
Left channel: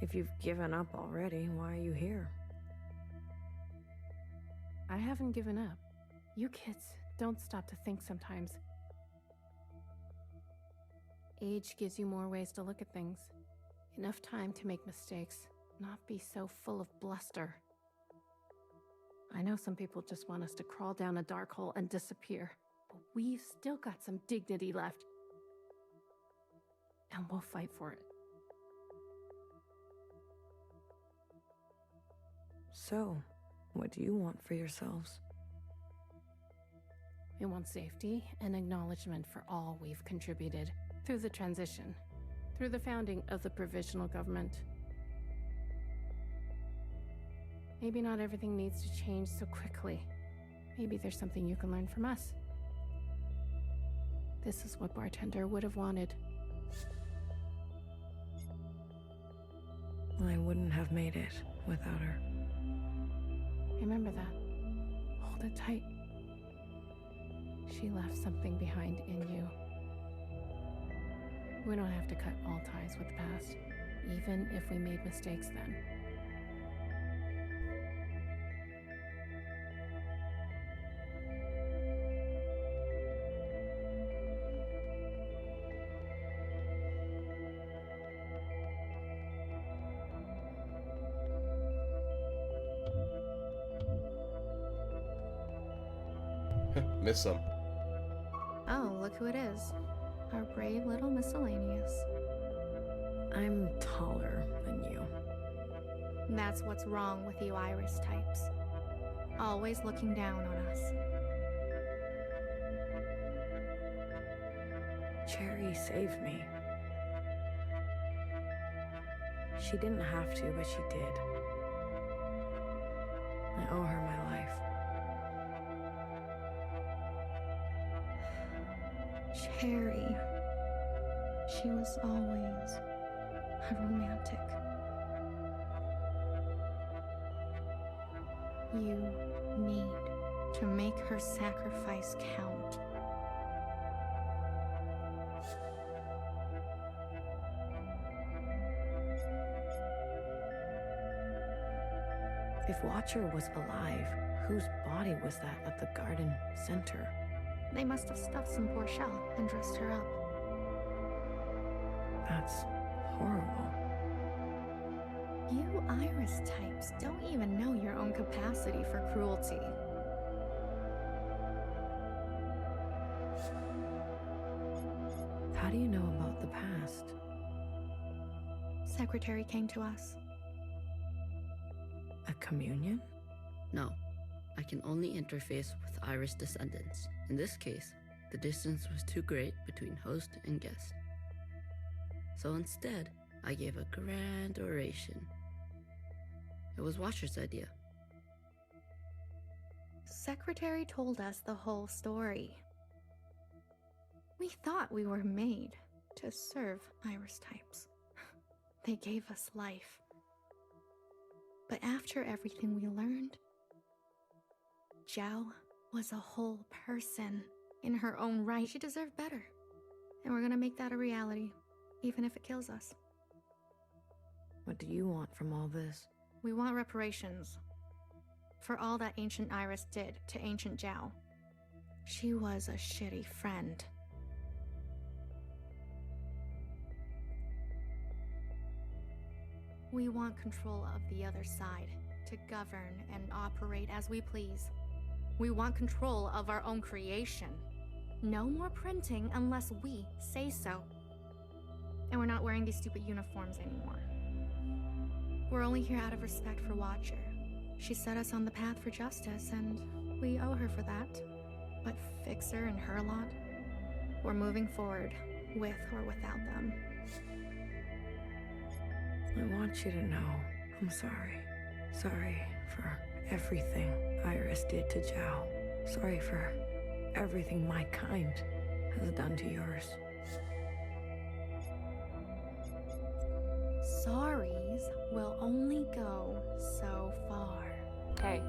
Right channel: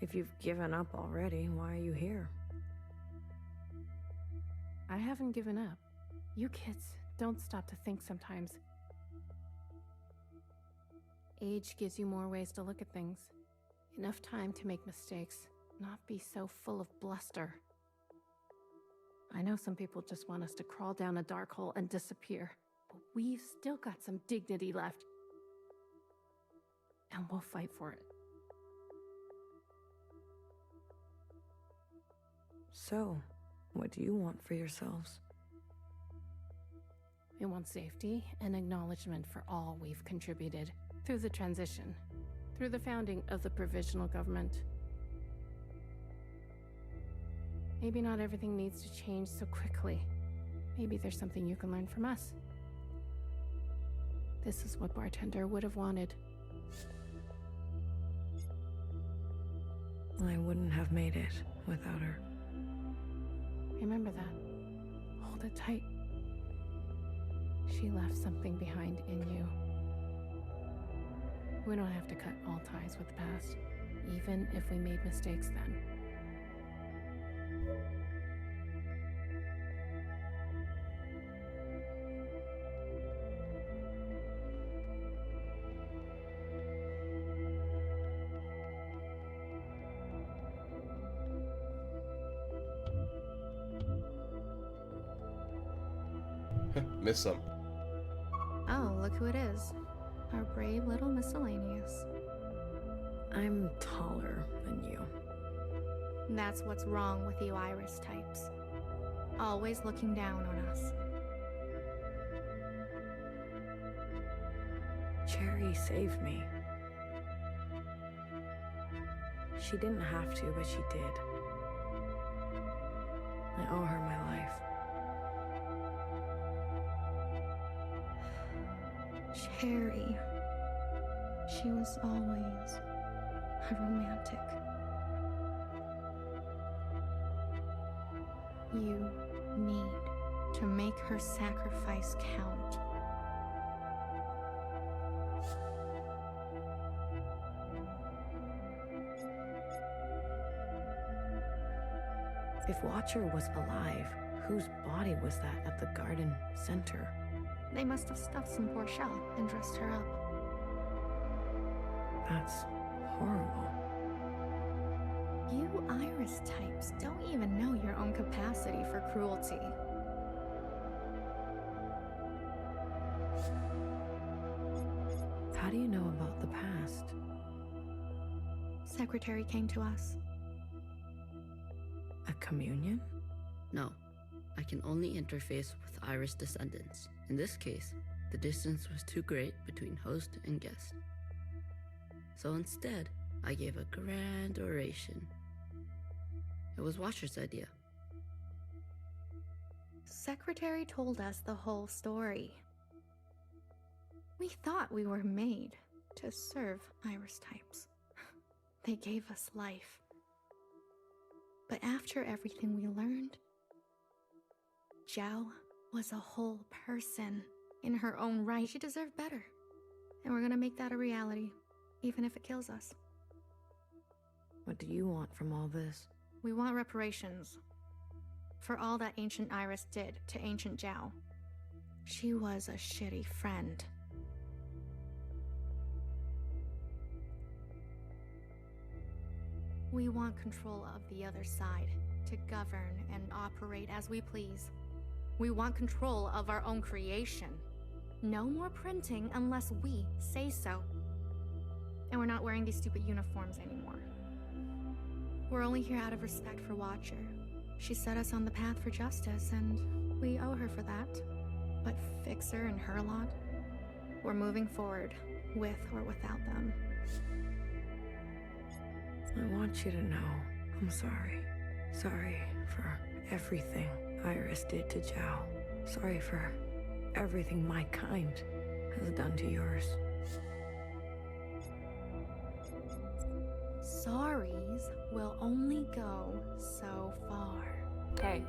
If you've given up already, why are you here? I haven't given up. You kids don't stop to think sometimes. Age gives you more ways to look at things. Enough time to make mistakes, not be so full of bluster. I know some people just want us to crawl down a dark hole and disappear, but we've still got some dignity left. And we'll fight for it. So, what do you want for yourselves? We want safety and acknowledgement for all we've contributed through the transition, through the founding of the provisional government. Maybe not everything needs to change so quickly. Maybe there's something you can learn from us. This is what Bartender would have wanted. I wouldn't have made it without her. Remember that. Hold it tight. She left something behind in you. We don't have to cut all ties with the past, even if we made mistakes then. Missed some. Oh, look who it is. Our brave little miscellaneous. I'm taller than you. That's what's wrong with you Iris types. Always looking down on us. Cherry saved me. She didn't have to, but she did. I owe her my life. Cherry. She was always a romantic. You need to make her sacrifice count. If Watcher was alive, whose body was that at the garden center? They must have stuffed some poor shell and dressed her up. That's horrible. You Iris types don't even know your own capacity for cruelty. How do you know about the past? Secretary came to us. A communion? No, I can only interface with Iris descendants. In this case, the distance was too great between host and guest. So instead, I gave a grand oration. It was Watcher's idea. Secretary told us the whole story. We thought we were made to serve Iris types. They gave us life. But after everything we learned, Zhao was a whole person in her own right. She deserved better. And we're gonna make that a reality, even if it kills us. What do you want from all this? We want reparations for all that ancient Iris did to ancient Zhao. She was a shitty friend. We want control of the other side, to govern and operate as we please. We want control of our own creation. No more printing unless we say so. And we're not wearing these stupid uniforms anymore. We're only here out of respect for Watcher. She set us on the path for justice, and we owe her for that. But Fixer and her lot, we're moving forward, with or without them. I want you to know I'm sorry. Sorry for everything Iris did to Zhao. Sorry for everything my kind has done to yours. Sorries will only go so far. Hey,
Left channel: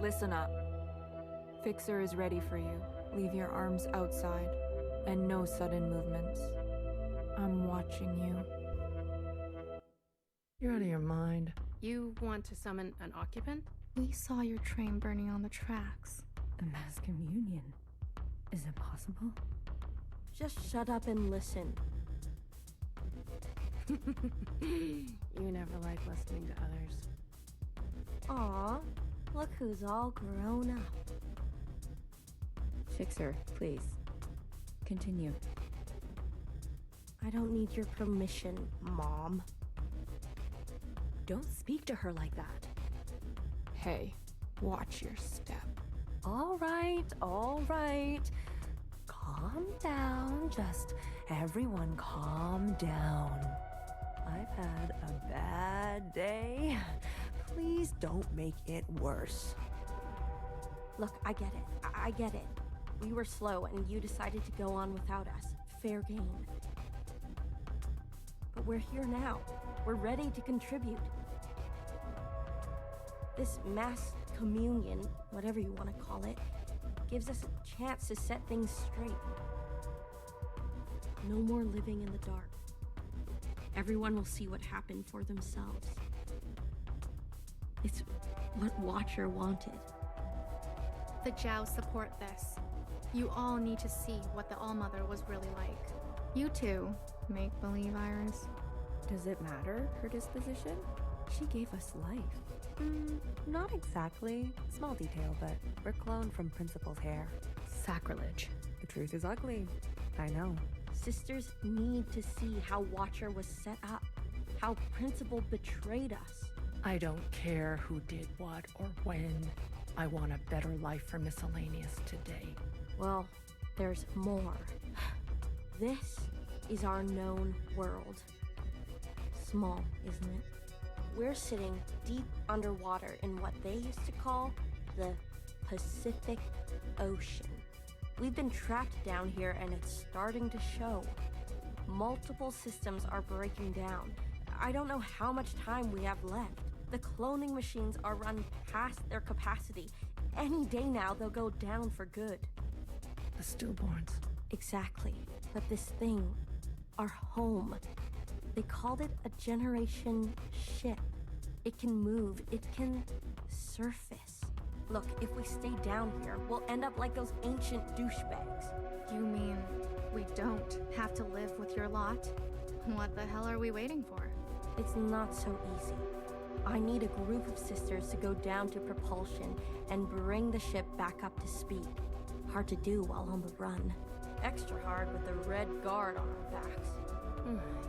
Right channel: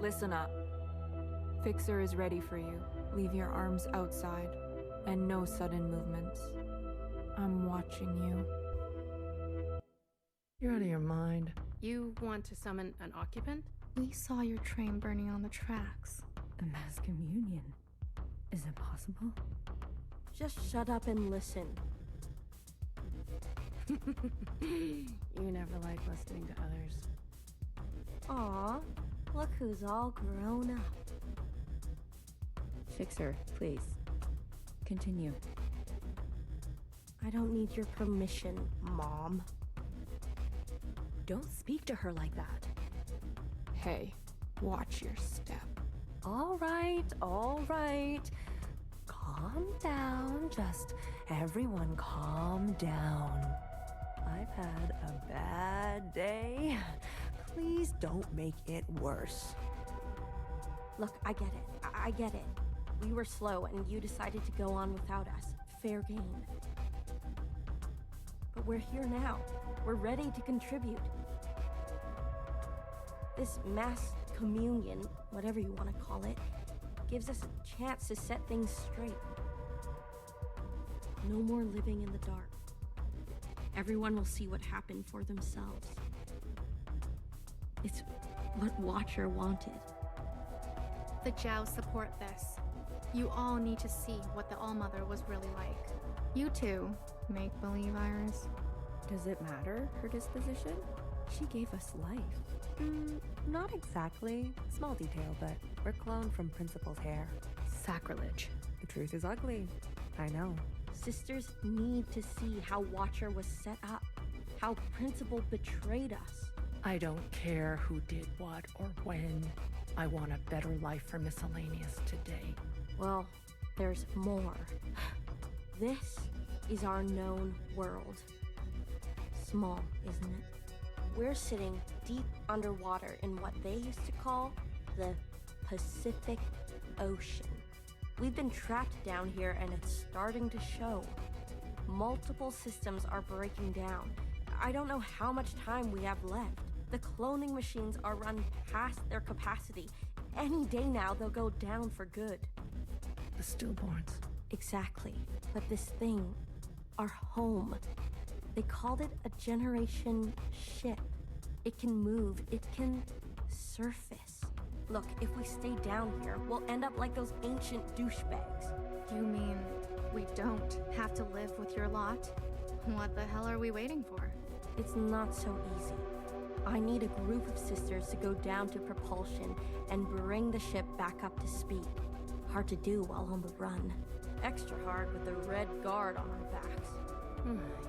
listen up. Fixer is ready for you. Leave your arms outside, and no sudden movements. I'm watching you. You're out of your mind. You want to summon an occupant? We saw your train burning on the tracks. A mass communion. Is it possible? Just shut up and listen. You never like listening to others. Aw, look who's all grown up. Fixer, please. Continue. I don't need your permission, Mom. Don't speak to her like that. Hey, watch your step. All right, all right. Calm down, just everyone calm down. I've had a bad day. Please don't make it worse. Look, I get it. I get it. We were slow and you decided to go on without us. Fair game. But we're here now. We're ready to contribute. This mass communion, whatever you want to call it, gives us a chance to set things straight. No more living in the dark. Everyone will see what happened for themselves. It's what Watcher wanted. The Zhao support this. You all need to see what the All-Mother was really like. You too, make-believe Iris. Does it matter, her disposition? She gave us life. Not exactly. Small detail, but we're cloned from Principal's hair. Sacrilege. The truth is ugly. I know. Sisters need to see how Watcher was set up, how Principal betrayed us. I don't care who did what or when. I want a better life for Miscellaneous today. Well, there's more. This is our known world. small, isn't it? We're sitting deep underwater in what they used to call the Pacific Ocean. We've been trapped down here and it's starting to show. Multiple systems are breaking down. I don't know how much time we have left. The cloning machines are run past their capacity. Any day now, they'll go down for good. The stillborns. Exactly. But this thing, our home, they called it a generation ship. It can move, it can surface. Look, if we stay down here, we'll end up like those ancient douchebags. You mean we don't have to live with your lot? What the hell are we waiting for? It's not so easy. I need a group of sisters to go down to propulsion and bring the ship back up to speed. Hard to do while on the run. Extra hard with the Red Guard on our backs.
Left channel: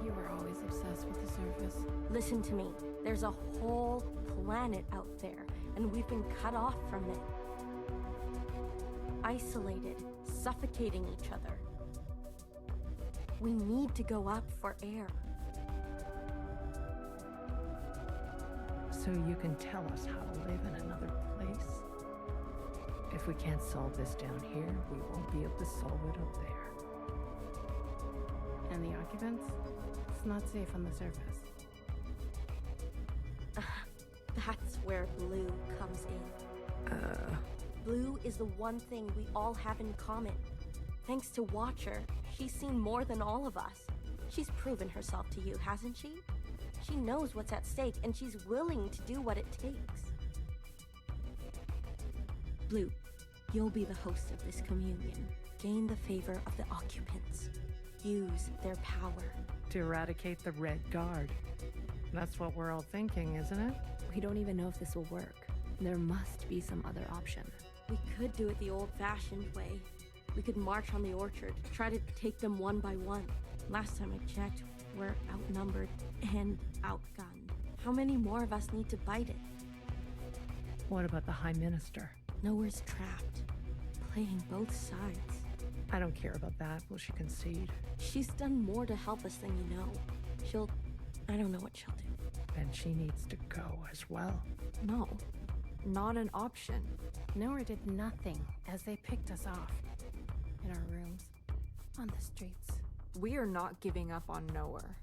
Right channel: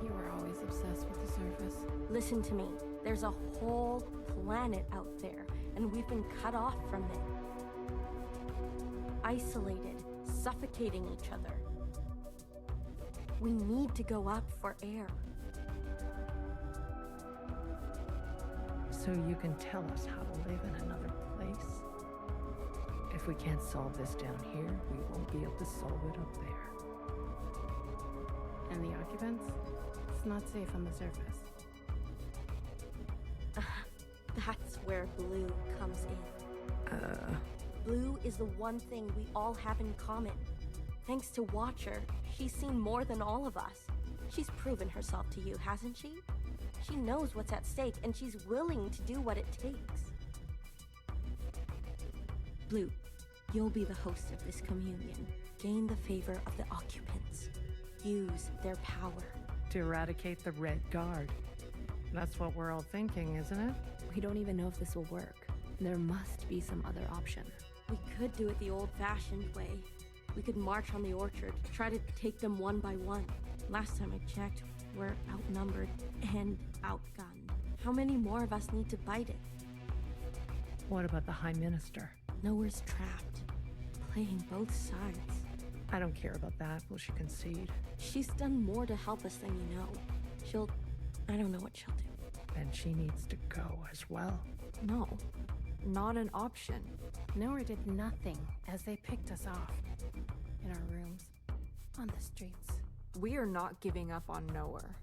You were always obsessed with the surface. Listen to me. There's a whole planet out there, and we've been cut off from it. Isolated, suffocating each other. We need to go up for air. So you can tell us how to live in another place? If we can't solve this down here, we won't be able to solve it up there. And the occupants? It's not safe on the surface. That's where Blue comes in. Blue is the one thing we all have in common. Thanks to Watcher, she's seen more than all of us. She's proven herself to you, hasn't she? She knows what's at stake, and she's willing to do what it takes. Blue, you'll be the host of this communion. Gain the favor of the occupants. Use their power. To eradicate the Red Guard. That's what we're all thinking, isn't it? We don't even know if this will work. There must be some other option. We could do it the old-fashioned way. We could march on the orchard, try to take them one by one. Last time I checked, we're outnumbered and outgunned. How many more of us need to bite it? What about the High Minister? Nowhere's trapped. Playing both sides. I don't care about that. Will she concede? She's done more to help us than you know. I don't know what she'll do. Then she needs to go as well. No, not an option. Nowhere did nothing as they picked us off. In our rooms. On the streets. We are not giving up on Nowhere.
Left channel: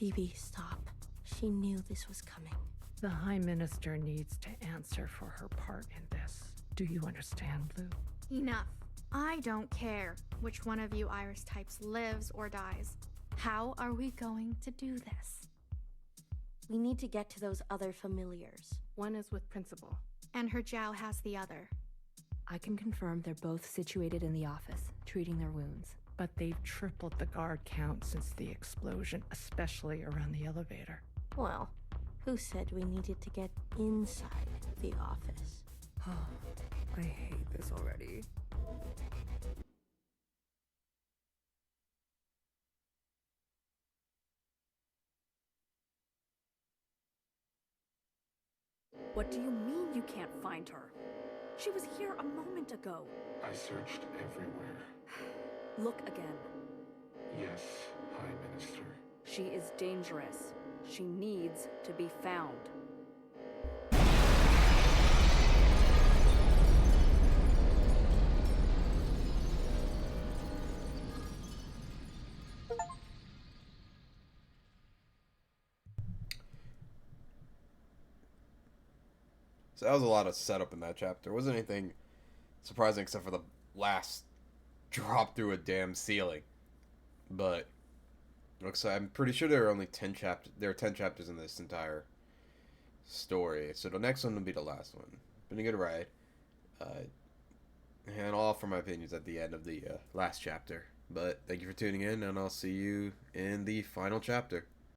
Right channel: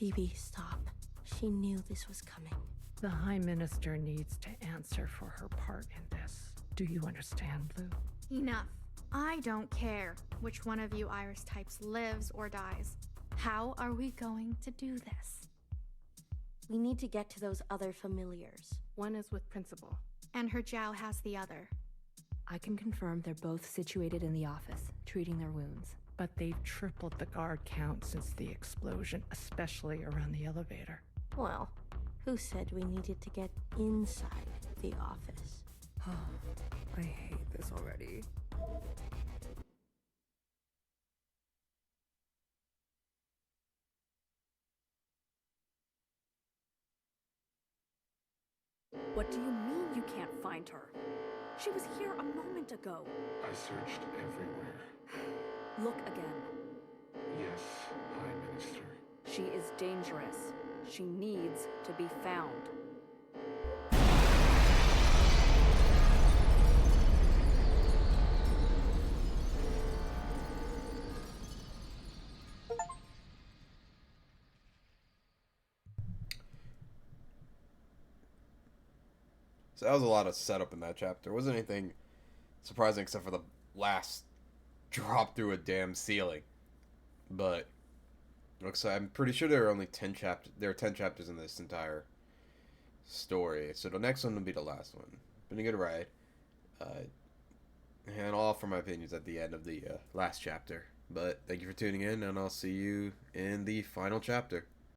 BB, stop. She knew this was coming. The High Minister needs to answer for her part in this. Do you understand, Blue? Enough. I don't care which one of you Iris types lives or dies. How are we going to do this? We need to get to those other familiars. One is with Principal. And her Jow has the other. I can confirm they're both situated in the office, treating their wounds. But they've tripled the guard count since the explosion, especially around the elevator. Well, who said we needed to get inside the office? I hate this already. What do you mean you can't find her? She was here a moment ago. I searched everywhere. Look again. Yes, High Minister. She is dangerous. She needs to be found. So that was a lot of setup in that chapter. There wasn't anything surprising except for the last drop through a damn ceiling. But looks like I'm pretty sure there are only 10 chapters. There are 10 chapters in this entire story. So the next one will be the last one. Been a good ride. And I'll offer my opinions at the end of the last chapter. But thank you for tuning in, and I'll see you in the final chapter.